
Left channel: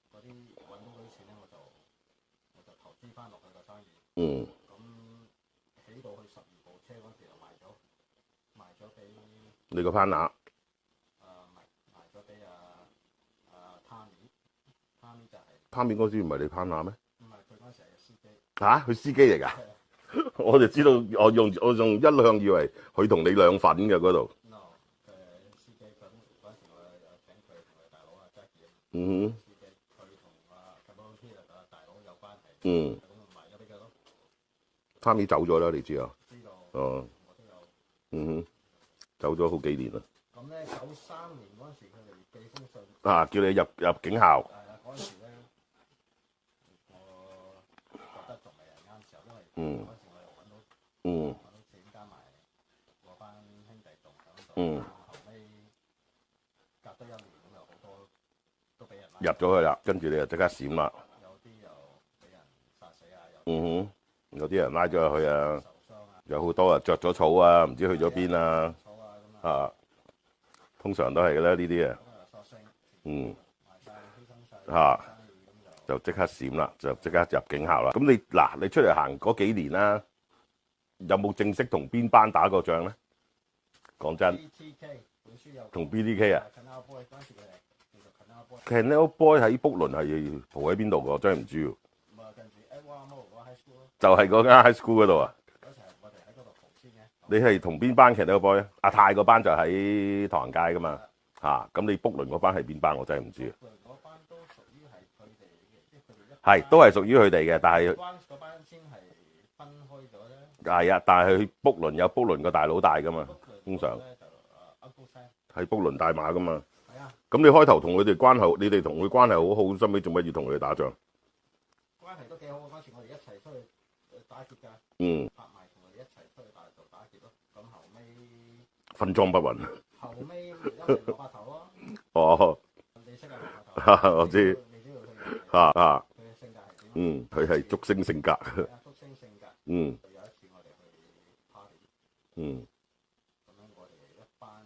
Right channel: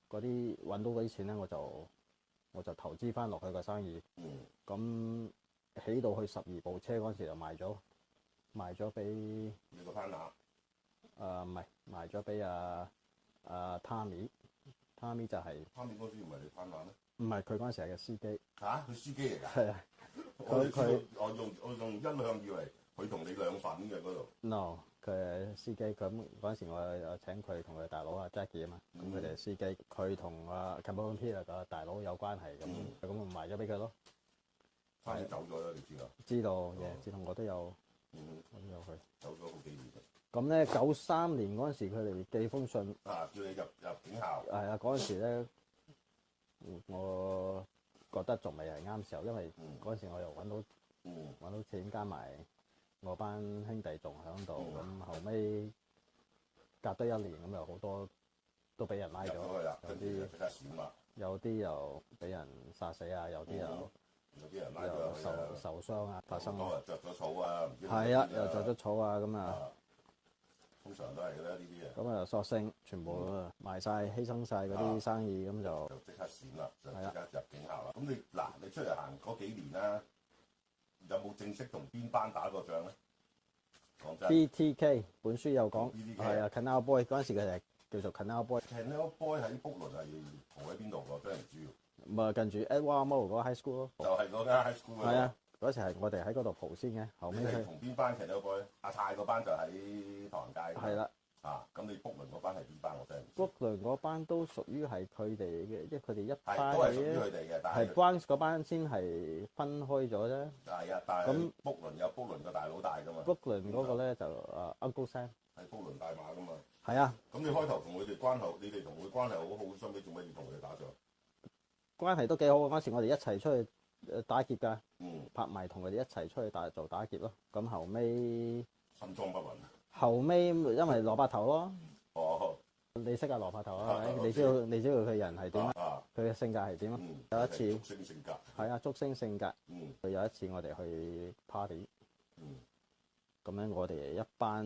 嗰啲揾到嗰啲錢咧我就投資翻落去個生意。咁起到去12部車嗰陣時就賣咗俾你個 partner。唔係賣咗俾Tommy 就係。Tommy 嗰時唔係你 partner 咩？唔係，佢嗰陣時係個司機。嚇，佢司機嚟㗎？係啊。我就知道，我仲一向以為佢同你兩份嘅嗰度。No，佢係司機。咁嗰陣時我請佢同佢大佬阿 Jackie 啊嘛。司機佢同Cameron Peter 個大佬有關係嘅。咁我賣咗俾佢咯。Tommy 走咗啦，你知啊？知道。我都有。我都有去。走咗好幾年啦。咁咧93年嗰陣時，佢哋寄封信。叫你入警校。係啊，嗰陣時咧，我覺得仲未係啱時候，因為嗰陣時我又揾到錢，加埋我班兄弟仲喺度，咁後尾隔得1年，咁又好多都俾人拉入咗去啦，跟住你就即刻閃啦。有啲又俾人殺死啊，有啲人拉咗入去啊，受傷啊，有好多啊着咗草啊，唔知去咗邊啊，着咗草啊咁啊。通常都係嘅啦，呢啲啊。咁啊，索性全部賣晒，犧牲晒啲生意，咁就即刻閃啦，就即刻入警校啦。咁你出嚟行嗰幾年啦，有冇正式同邊班打過仗咧？講真。BTK 本書有講。同 BTK 啊。Canal Boy 嗰陣時佢哋叫做 Canal Boy。Canal Boy 喺卜倫係蒲喺邊度㗎？真係唔知喎。咪近住 Edward Murrow 嗰個 high school 咯。就係嗰間 high school 嗰度啊。嗰時係我哋喺嗰度蒲先嘅。你係同邊班 Canal Boy 啊？阿泰嗰班就喺唐人街㗎嘛。咁你卜倫嗰班係邊班？我真係唔知。卜倫嗰班都屬於係佢哋嘅，因為佢哋係都係屬於佢哋嘅，但係嗰班先係分開咗啫。係啊，但係卜倫有卜倫個大佬大㗎嘛。卜倫嗰個咧就Uncle Sam。係卜倫大馬㗎嘛。係啊。咁你開頭同佢哋關係，你哋同佢關係好好，收尾做乜要同佢哋打仗？關係都幾好，嗰時我哋一齊出去打劫㗎，嗯，拍埋同佢哋一齊出去做打劫咯。咁後尾分贓不勻。因為羅伯頭咯，哦，你識啊羅伯頭？我知你知道佢人係點，啊，佢嘅性格係點啊？嗯，佢係竹升性格。係啊，竹升性格。嗯佢有一次我哋去 party，嗯咁樣我哋一班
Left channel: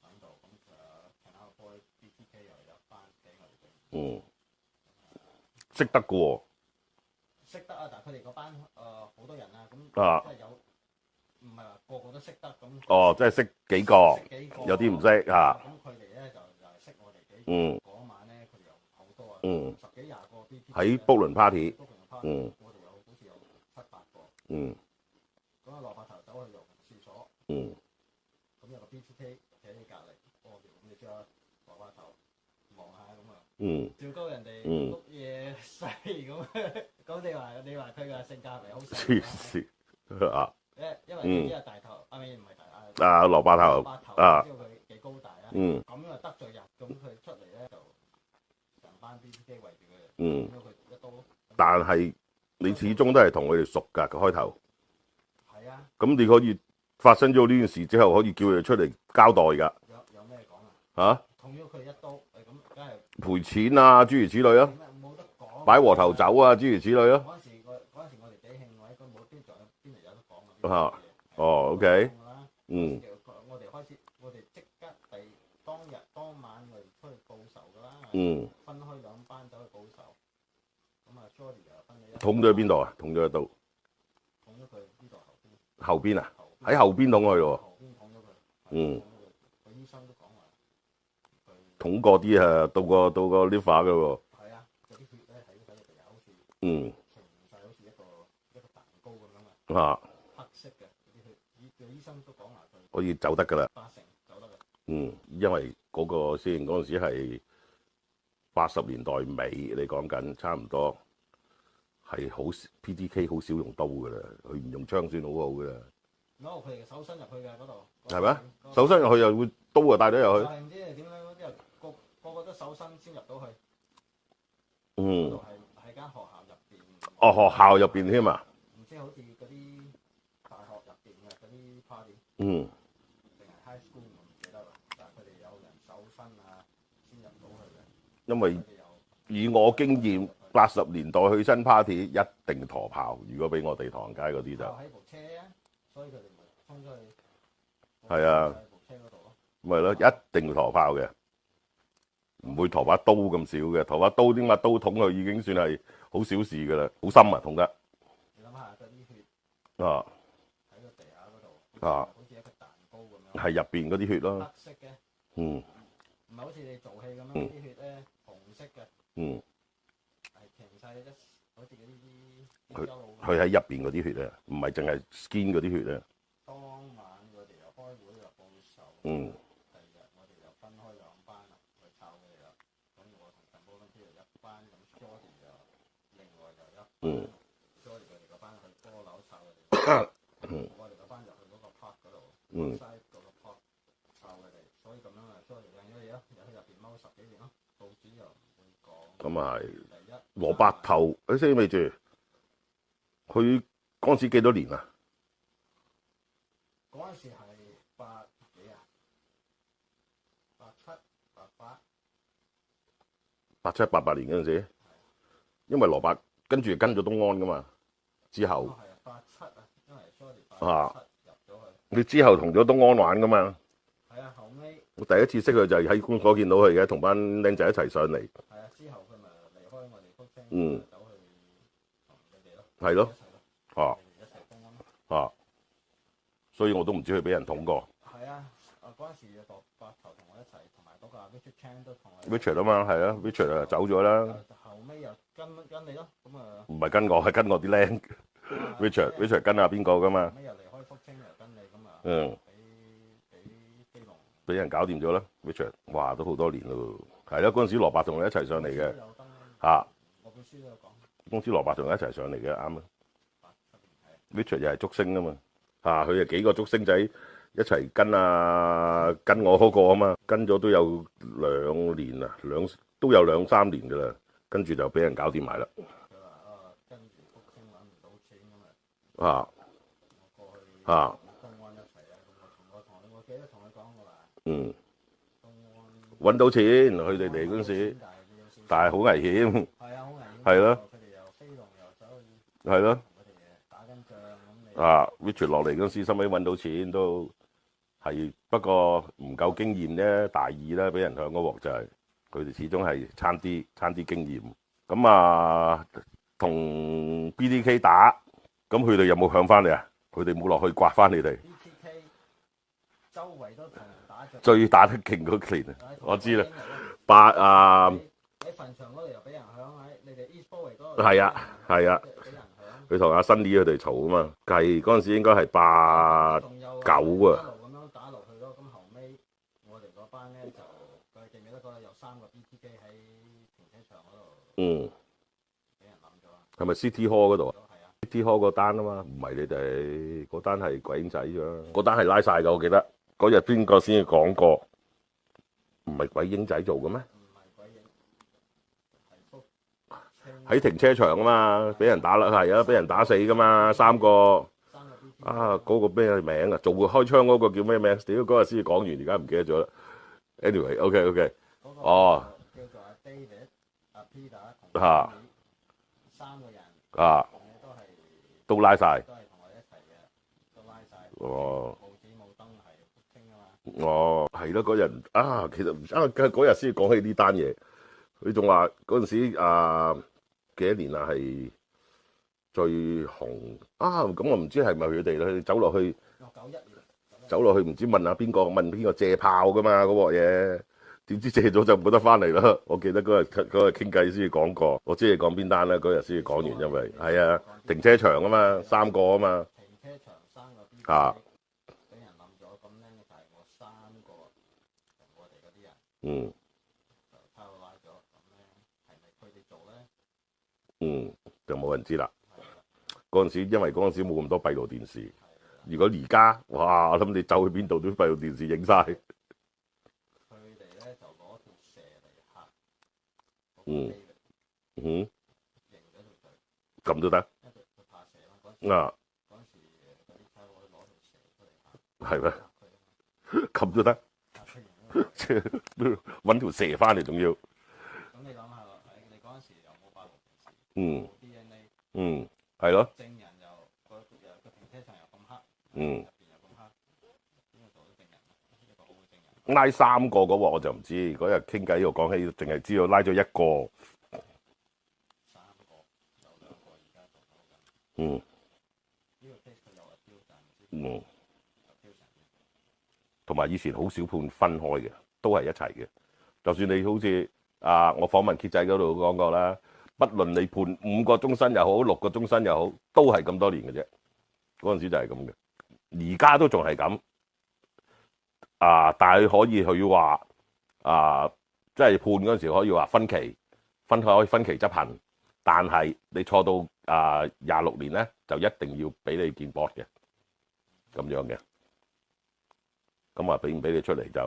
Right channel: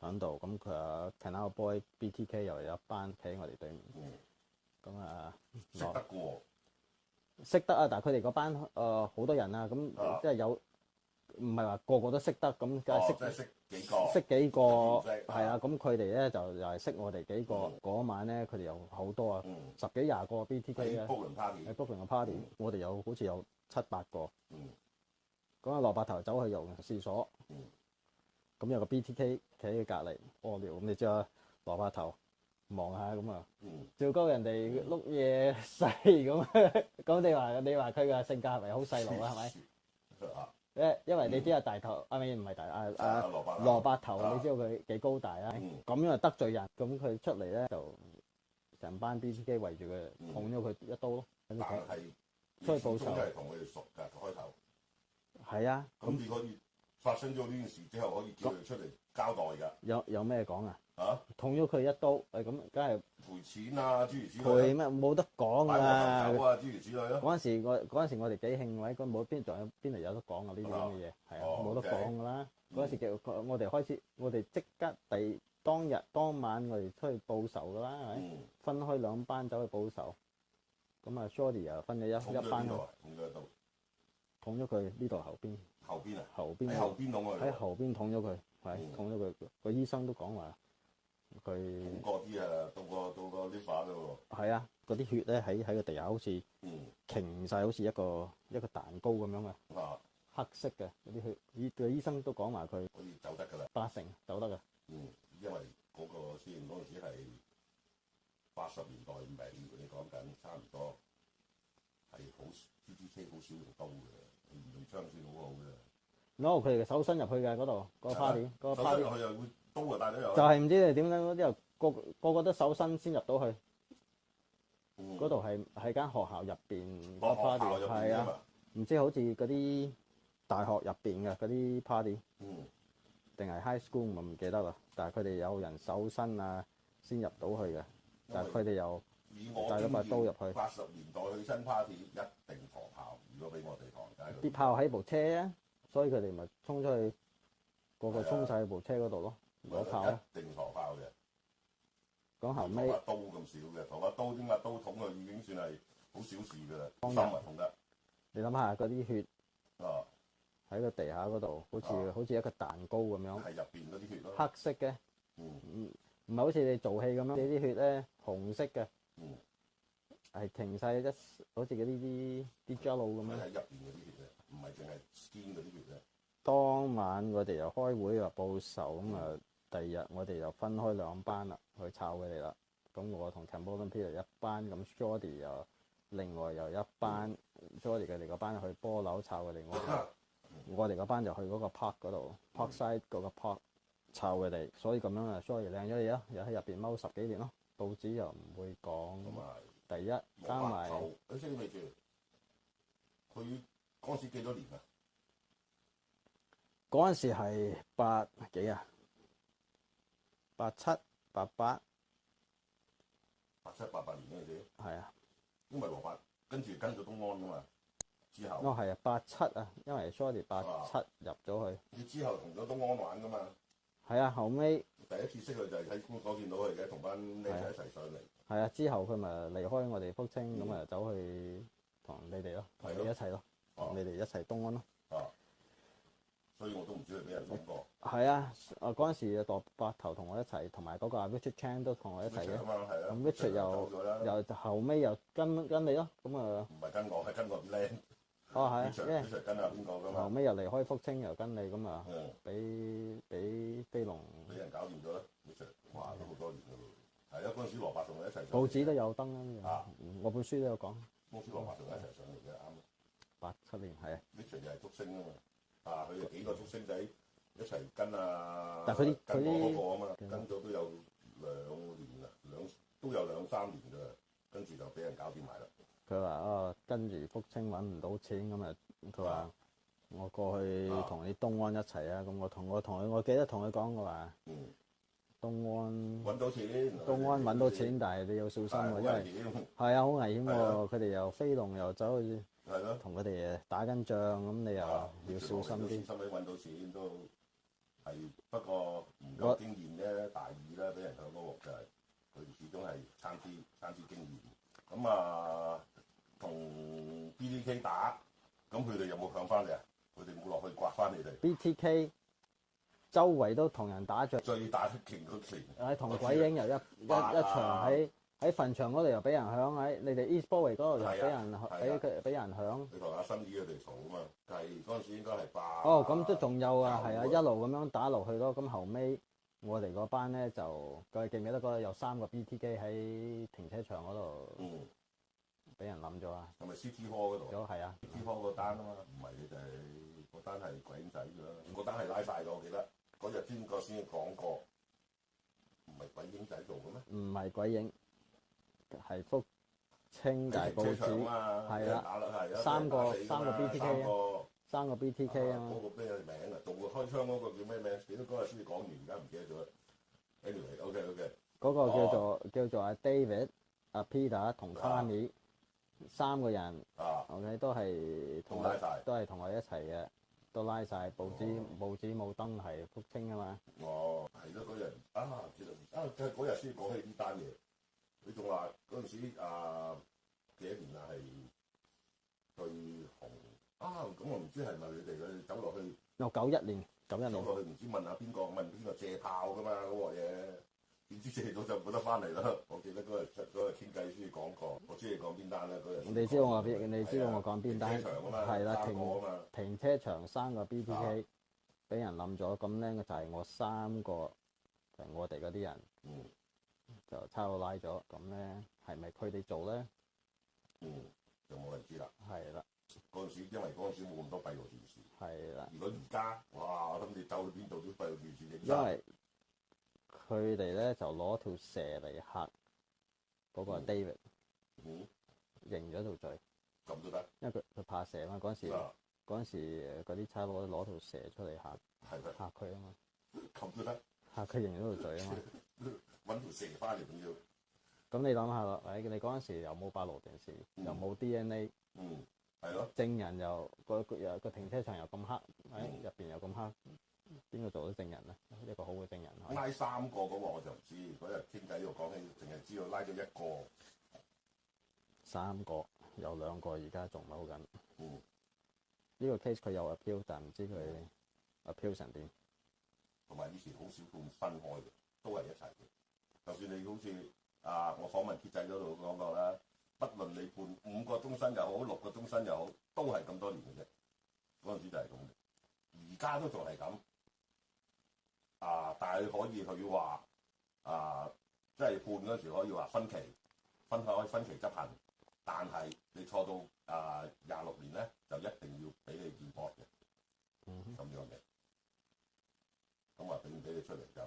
喺度，咁佢話 Canal Boy BTK 又有一班企喺我哋對面。嗯，咁啊，識得嘅喎。識得啊，但係佢哋嗰班好多人啊，咁啊即係有唔係話個個都識得咁。哦，即係識幾個，識幾個，有啲唔識嚇。咁佢哋咧就又係識我哋幾個。嗯嗰晚咧佢哋有好多啊，嗯，十幾廿個 BT 喺卜倫 party。卜倫嘅 party，嗯我哋好似有7、8個。嗯咁啊，羅伯頭走去游泳廁所，嗯咁有個 BTK 企喺隔離屙尿，咁你知啦，羅伯頭望下咁啊，嗯，照高人哋碌嘢細咁，咁你話佢嘅性格係咪好細路啊？係咪？黐啊！因為你知啊，大頭啊，唔係大啊，啊，蘿蔔頭，蘿蔔頭，啊知道佢幾高大啊？嗯咁樣就得罪人，咁佢出嚟咧就成班 BTK 圍住佢，嗯捅咗佢一刀咯。但係你始終都係同佢哋熟㗎，開頭。係啊，咁你可以發生咗呢件事之後，可以叫佢哋出嚟交代㗎。有咩講啊？嚇，捅咗佢一刀，咁梗係賠錢啊，諸如此類啊，點啊？冇得講。擺和頭酒啊，諸如此類啊。嗰陣時我哋幾興位，咁冇邊度有得講啊？呢啲啊嘢係哦冇得 OK 講㗎啦。嗯嗰時我哋開始，我哋即刻當晚我哋出去報仇㗎啦。嗯，分開兩班走去報仇。咁啊 ，Shorty 又分咗一捅咗去邊度啊？捅咗一刀，捅咗佢呢度後邊，後邊啊？後邊喺後邊捅佢喎。後邊捅咗佢，嗯捅咗佢。個醫生都講話佢捅過啲啊，到個 liver 㗎喎。係啊，嗰啲血咧喺個地下好似嗯擎晒，好似一個蛋糕咁樣啊，啊，黑色嘅嗰啲血。個醫生都講話佢可以走得㗎啦。 80走得㗎。嗯，因為嗰陣時係80年代尾，你講緊差唔多係好 PDK 好少用刀㗎啦，佢唔用槍算好好㗎啦。攞佢哋手伸入去嘅嗰度，係咩？手伸入去又會刀啊帶咗入去。就係唔知你點解嗰啲人個個都手伸先入到去。嗰度係間學校入邊。哦，學校入邊添啊？唔知好似嗰啲大學入邊嘅嗰啲 party。嗯。定係 high school 我唔記得啦，但係佢哋有人手伸啊先入到去嘅。因為佢哋又以我經驗，80年代去新 party 一定陀炮。如果俾我哋唐街嗰啲炮喺部車啊，所以佢哋咪衝出去。係啊，喺部車嗰度咯。咪咯，一定陀炮嘅，唔會陀把刀咁少嘅。陀把刀點解刀捅佢已經算係好小事㗎啦，好深啊捅得。你諗下嗰啲血啊！喺個地下嗰度，好似一個蛋糕咁樣。係入邊嗰啲血咯。黑色嘅。嗯。唔係好似你做戲咁樣，呢啲血咧紅色嘅。嗯。係停晒好似嗰啲膠路咁。佢喺入邊嗰啲血啊，唔係淨係 skin 嗰啲血啊。當晚我哋又開會又報仇，咁啊第二日我哋又分開兩班啦，去炒佢哋啦。咁我同 Cambodia Peter 一班，咁 Shorty 又另外又一班，Shorty 佢哋嗰班去波樓炒佢哋。我哋嗰班就去嗰個 park 嗰度 ，Parkside 嗰個 park 湊佢哋，所以咁樣啊 ，Shorty 靚咗嘢咯，又喺入邊踎10幾年咯，報紙又唔會講。咁啊係。第一。蘿蔔頭，你識未住？佢嗰陣時幾多年啊？嗰陣時係8幾啊？87、88。87、88年嗰陣時。係啊。因為蘿蔔跟住跟咗東安噶嘛。之後哦係啊，87啊，因為 Shorty 87入咗去。你之後同咗東安玩噶嘛？係啊，後尾我第一次識佢就係喺公所見到佢嘅，同班僆仔一齊上嚟。係啊，之後佢咪離開我哋福清，走去同你哋咯。係咯。一齊咯。你哋一齊東安咯。啊！所以我都唔知佢俾人捅過。係啊，嗰陣時蘿蔔頭同我一齊，同埋嗰個 Richard Chan 都同我一齊。Richard 啊嘛，係啊 ，Richard 啊走咗啦。又後尾又跟你咯，咁啊。唔係跟我，係跟我啲僆。Richard 跟下邊個噶嘛？後尾又離開福清，又跟你咁啊。俾飛龍。俾人搞掂咗啦 ，Richard， 哇，都好多年咯。係啦，嗰陣時蘿蔔同你一齊上嚟嘅。都有登啊。我本書都有講。公司蘿蔔同你一齊上嚟嘅，啱啊。87年係啊。Richard 又係竹升啊嘛。佢係幾個竹星仔一齊跟我嗰個啊嘛，跟咗都有2年啊，都有2、3年噶啦，跟住就俾人搞掂埋啦。佢話跟住福清揾唔到錢咁啊我過去啊同你東安一齊啊，咁我同佢，我記得同佢講過話，嗯，東安揾到錢，佢哋東安嚟嗰時揾到錢，，但係你有小心，但係好危險，係啊，好危險，係咯，佢哋又飛龍又走去係咯，同佢哋打緊仗，咁你又啊要，Richard 落嚟嗰時，小心啲收尾揾到錢都係，不過唔夠經驗啫，大意啦，俾人響嗰鑊就係佢哋始終係差啲經驗。咁啊，同 BTK 打，咁佢哋有冇響翻嚟啊？佢哋冇落去刮翻你哋， BTK 周圍都同人打仗，最打得勁嗰年，我知啦。啦八啊喺墳場嗰度又俾人響，喺你哋 East Bowie 嗰度係啊係啊俾人響。佢同阿 Sunny 佢哋嘈啊嘛，計嗰陣時應該係八仲有九啊一路咁樣打落去咯。咁後尾我哋嗰班咧就，佢記唔記得嗰日有3個 BTK 喺停車場嗰度嗯，俾人冧咗啊？係咪 City Hall 嗰度啊係啊， ？City Hall 嗰單啊嘛，唔係你哋嗰單係鬼影仔啫，嗰單係拉晒㗎，我記得嗰日邊個先講過，唔係鬼影仔做嘅咩？唔係鬼影，係福清喺停車場啊嘛，俾人打啦，係啊，俾人打死㗎嘛，三個。 3個 BTK 啊！嗰、個咩名啊？做開槍嗰個叫咩名？屌嗰日先講完，而家唔記得咗啦。Anyway，OK，嗰個叫做阿 David、阿 Peter 同 Tommy 3個人，啊，我哋都拉晒。都係同我哋一齊嘅，都拉晒。哦冇紙冇燈係福清啊嘛。哦，係咯，嗰日啊，其實唔嗰日先講起呢單嘢，佢仲話嗰陣時啊幾多年啊係最紅啊！咁我唔知係咪佢哋咧走落去，有91年，走落去唔知問下邊個問邊個借炮噶嘛嗰鑊嘢，點知借咗就冇得翻嚟啦！我記得嗰日傾偈先講過，我知你講邊單啦，嗰日先講完，因為係啊停車場啊嘛，3個啊嘛，停車場3個 BTK 俾人冧咗，咁咧就係我3個就係我哋嗰啲人，嗯就差佬拉咗，咁咧係咪佢哋做咧？嗯，就冇人知啦。係啦，嗰陣時因為嗰陣時冇咁多閉路電視，係啦。如果而家哇，我諗你走去邊度都閉路電視影晒。佢哋咧就攞條蛇嚟嚇嗰個 David，嗯，認咗條罪，咁都得因為佢怕蛇嘛。嗰陣時啊，嗰啲差佬攞條蛇出嚟嚇係咩？嚇佢啊嘛，咁都得，嚇佢認咗條罪。揾條蛇翻嚟仲要，咁你諗下啦，你嗰陣時又冇閉路電視，嗯又冇 DNA，係咯，證人又個停車場又咁黑，嗯入邊又咁黑，邊個做到證人咧？一個好嘅證人。拉3個嗰鑊我就唔知，嗰日傾偈又講起，淨係知道拉咗1個。 3個有2個而家仲撈緊。嗯呢個 case 佢有 appeal，但唔知佢 appeal 成點。同埋以前好少判分開嘅，都係一齊嘅。就算你好似我訪問傑仔嗰度講過啦，不論你判5個終身又好，6個終身又好，都係咁多年嘅啫。嗰陣時就係咁嘅，而家都仲係咁。但係可以佢話即係判嗰陣時可以話分期執行，但係你錯到26年咧，就一定要俾你見 board 嘅，咁樣嘅。咁俾唔俾你出嚟就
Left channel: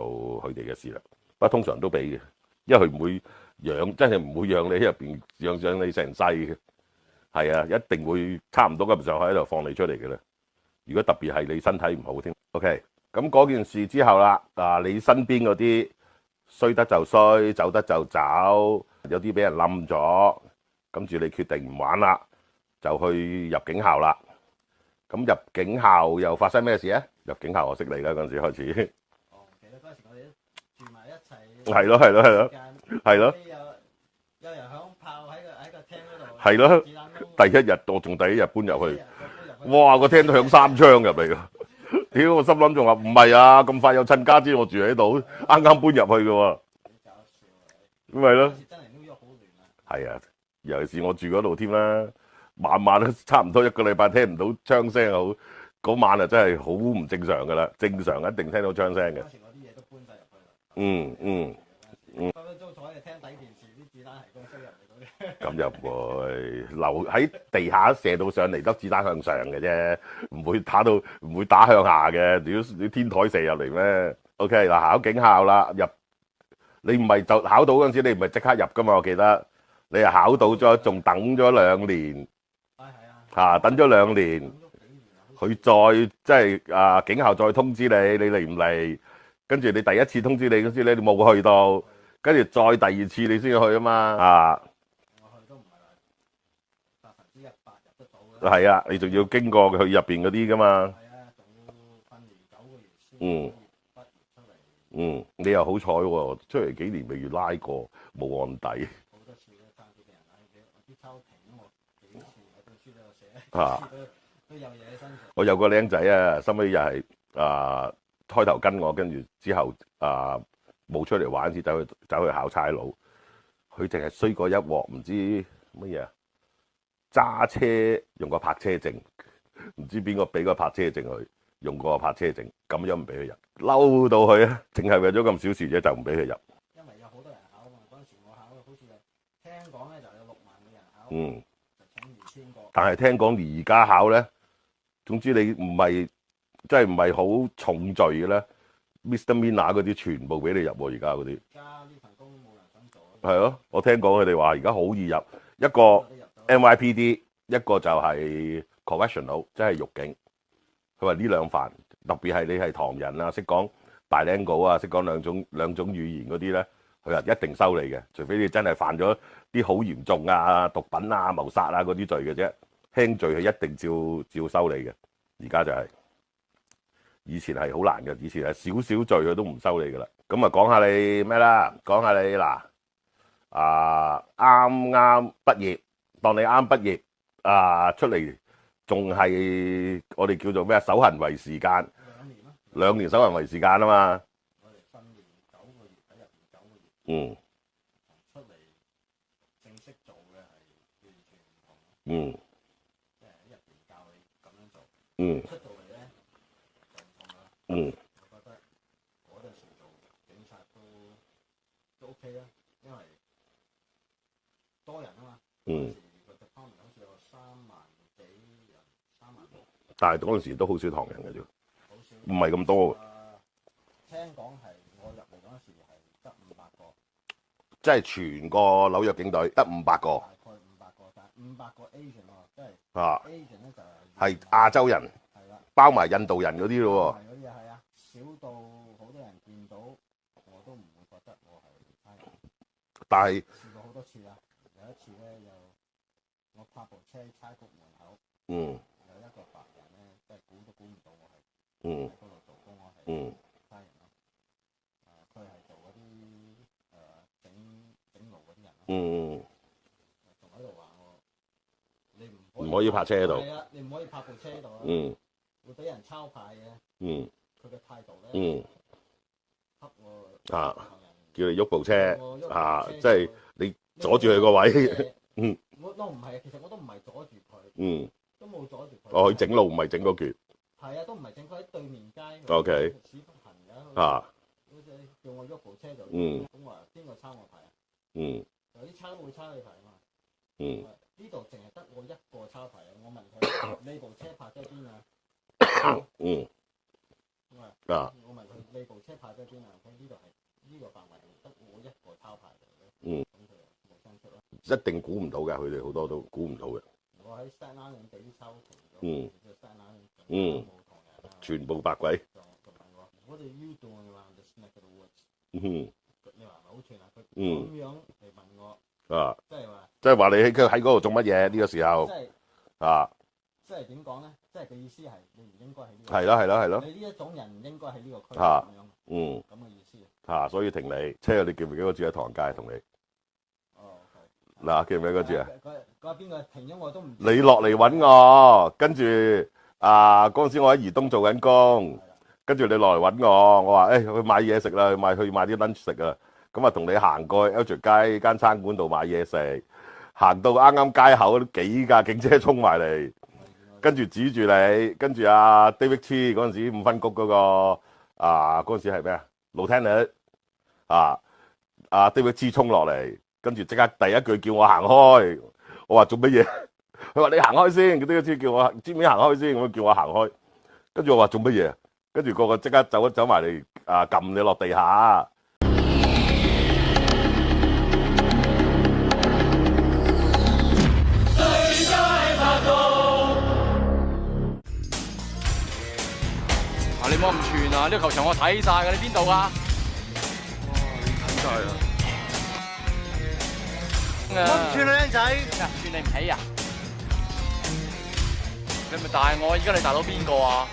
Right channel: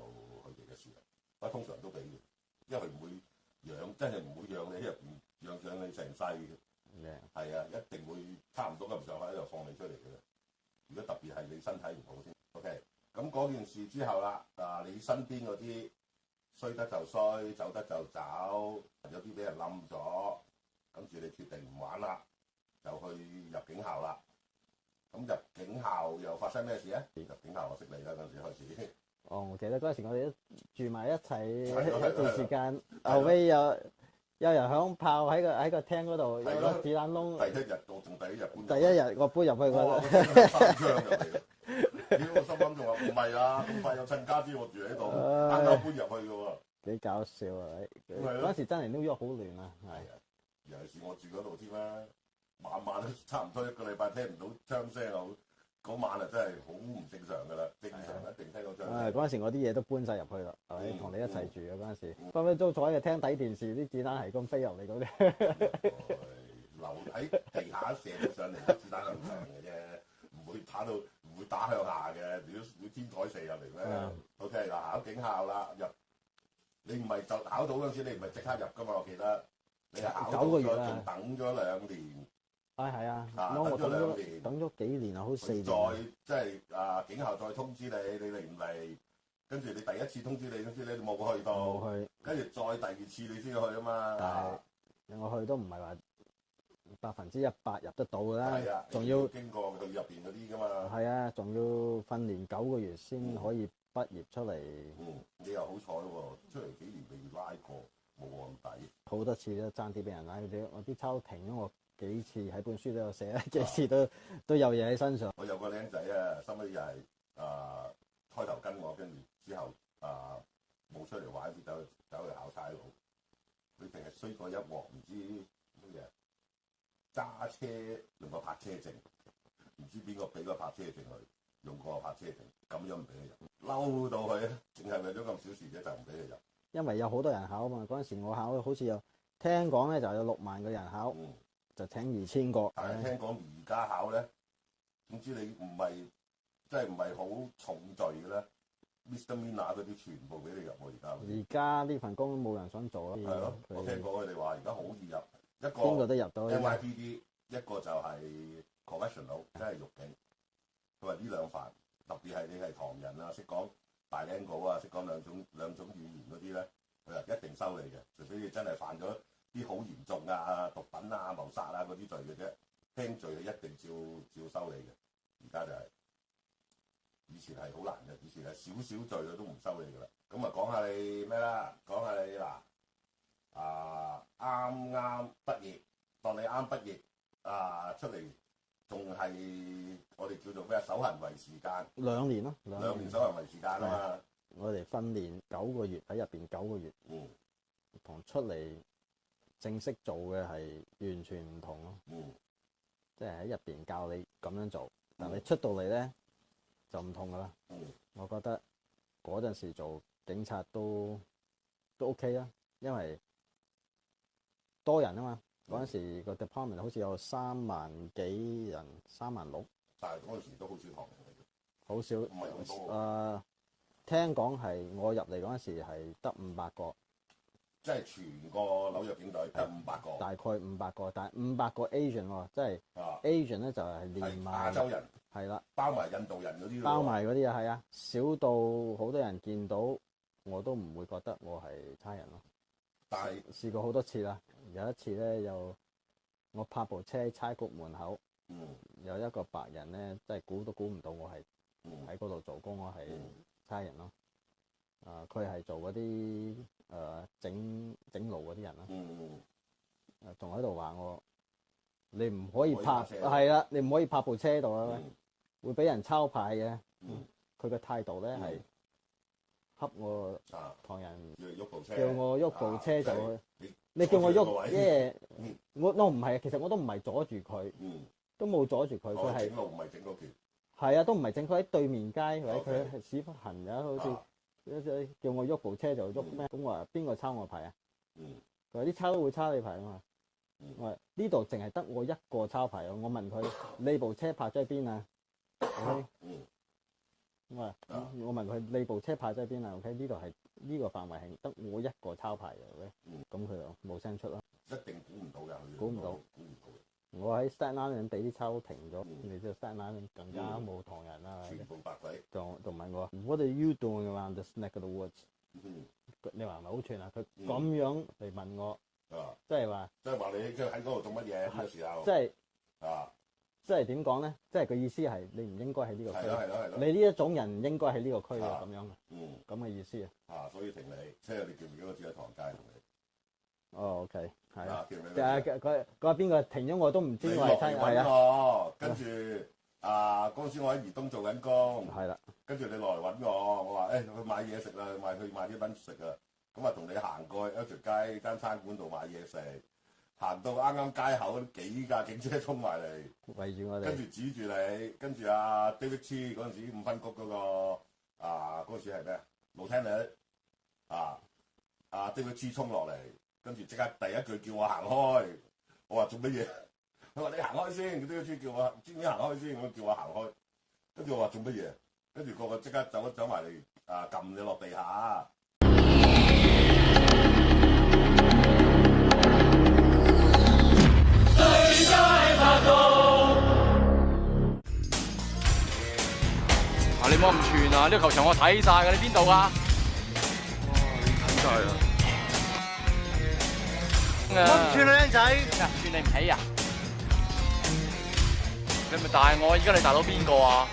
佢哋嘅事啦。不過通常都俾嘅，因為佢唔會養，真係唔會養你喺入邊養你成世嘅。係啊，一定會差唔多咁上下喺度放你出嚟嘅啦。如果特別係你身體唔好添。OK，咁嗰件事之後啦，你身邊嗰啲衰得就衰，走得就走，有啲俾人冧咗，跟住你決定唔玩啦，就去入警校啦。咁入警校又發生咩事啊？入警校我識你啦，嗰陣時開始。哦，我記得嗰陣時我哋都住埋一齊。係咯。係咯。有人響炮喺個廳嗰度。係咯。子彈窿。第一日我仲第一日搬入去。第一日我搬入去。哇！個廳都響3槍入嚟㗎。屌！我心諗仲話唔係啊，咁快有親家知我住喺度，啱啱搬入去㗎喎。幾搞笑啊！咁咪咯。嗰時真係 New York 好亂啊。係啊，尤其是我住嗰度添啦。晚晚都差唔多1個禮拜聽唔到槍聲好，嗰晚啊真係好唔正常噶啦，正常一定聽到槍聲嘅。嗰陣時我啲嘢都搬晒入去啦。嗯你一齊住嘅嗰陣時，分分鐘坐喺個廳睇電視，啲子彈係咁飛入嚟嗰啲。咁又唔會留喺地下射到上嚟，粒子彈向上嘅啫，唔會打向下嘅。屌天台射入嚟咩？OK 嗱，考警校啦，入你唔係就考到嗰陣時，你唔係即刻入噶嘛？我記得你係考到咗，仲等咗2年。係啊，等咗2年，等咗幾年啊，好似佢再即係警校再通知你嚟唔嚟？跟住你第一次通知你嗰時咧，你冇去到，跟住再第2次你先去啊嘛。我去都唔係話100%入得到㗎啦。係啊，你仲要經過佢入邊嗰啲噶嘛。係啊，仲要訓練9個月先可以畢業出嚟。你又好彩喎，出嚟幾年未遇拉過，冇案底。好多次都爭啲俾人拉，我啲抽停咗我幾次喺本書都有寫，幾次都有嘢喺身上。我有個僆仔啊，收尾又係開頭跟我，跟住之後冇出嚟玩，先走去考差佬。佢淨係衰過一鑊，唔知乜嘢揸車用個泊車證，唔知邊個俾個泊車證佢，用個泊車證，咁樣唔俾佢入，嬲到佢啊！淨係為咗咁小事啫，就唔俾佢入。因為有好多人考啊嘛，嗰陣時我考好似有聽講咧，就有6萬個人考，就請2000個。但係聽講而家考咧，總之你唔係即係唔係好重罪嘅咧 ，misdemeanor 嗰啲全部俾你入喎，而家嗰啲。而家呢份工都冇人想做啦。係咯，我聽講佢哋話而家好易入，一個 NYPD， 一個就係 correctional， 即係獄警。佢話呢2範，特別係你係唐人啊，識講bilingual啊，識講兩種語言嗰啲咧，佢話一定收你嘅，除非你真係犯咗啲好嚴重啊、毒品啊、謀殺啊嗰啲罪嘅啫，輕罪佢一定照收你嘅。而家就係、以前係好難嘅，以前係少少罪佢都唔收你噶啦。咁啊講下你咩啦？講下你嗱啱啱畢業，當你啱畢業出嚟。仲係我哋叫做咩守行為時間2年咯，2年守行為時間啊嘛。我哋訓練9個月喺入邊9個月，同出嚟正式做嘅係完全唔同咯。即係喺入邊教你咁樣做，出到嚟咧就唔同噶啦。我覺得嗰陣時做警察都 OK 啦，因為多人啊嘛。嗰陣時個 department 好似有3萬幾人，36000。但係嗰陣時都好少唐人嘅啫，好少，唔係咁多。聽講係我入嚟嗰陣時係得500個，即係全個紐約警隊得500個。大概500個，但係500個 Asian 喎，即係 Asian 咧就係亞洲人，係啦，包埋印度人嗰啲咯喎。係嗰啲啊，係啊，少到好多人見到我都唔會覺得我係差人咯。但係試過好多次啦。有一次咧，我泊部車喺差局門口，有一個白人咧，真係估都估唔到我係喺嗰度做工，我係差人咯。佢係做嗰啲整路嗰啲人咯。仲喺度話我，你唔可以泊車度，係啦，你唔可以泊部車度啊，會俾人抄牌嘅。佢嘅態度咧，恰我唐人，叫你喐部車，我喐部車，即係你阻住佢個位。我唔係，其實我都唔係阻住佢，都冇阻住佢。佢整路唔係整嗰橛。係啊，都唔係整，佢喺對面街。OK。屎忽痕嘅，叫我喐部車就喐咩？咁我話邊個抄我牌啊？佢話啲抄都會抄你牌啊嘛。我話呢度淨係得我一個抄牌啊！我問佢：你部車泊咗喺邊啊？我問佢：你部車泊咗喺邊啊 ？OK， 呢度係呢個範圍係得我一個抄牌嘅。咁佢就冇聲出咯。一定估唔到嘅，佢哋好多都估唔到嘅。我喺 Staten Island 俾啲抽停咗，你知道 Staten Island 更加冇唐人啦。全部白鬼。仲問我 What are you doing around this neck of the woods？你話係咪好串啊？佢咁樣嚟問我，即係話你喺嗰度做乜嘢呢個時候？即係點講咧？即係個意思係你唔應該喺呢個。係咯。你呢一種人唔應該喺呢個區咁樣。咁嘅意思啊。所以停你車，你記唔記得我住喺唐人街同你？哦 OK。嗱，記唔記得嗰次啊？佢話邊個停咗我都唔知。你落嚟揾我，跟住嗰陣時我喺怡東做緊工。係啦。跟住你落嚟揾我，我話去買嘢食啦，去買啲 lunch 食啊。咁啊，同你行過去 Elgin 街間餐館度買嘢食。行到啱啱街口，幾架警車衝埋嚟，圍住我，跟住指住你，跟住阿 David Chi 嗰陣時5分局嗰個嗰陣時係咩啊 Lieutenant 阿 David Chi 衝落嚟，跟住即刻第一句叫我行開，我話做乜嘢？佢話你行開先，David Chi叫我知唔知行開先？咁叫我行開，跟住我話做乜嘢？跟住個個即刻走埋嚟撳你落地下。最佳拍檔。你唔好咁串啊！呢個球場我睇晒㗎，你邊度㗎？睇晒啦。我唔串啊，僆仔！串你唔起啊？你咪大我，而家你大佬邊個啊？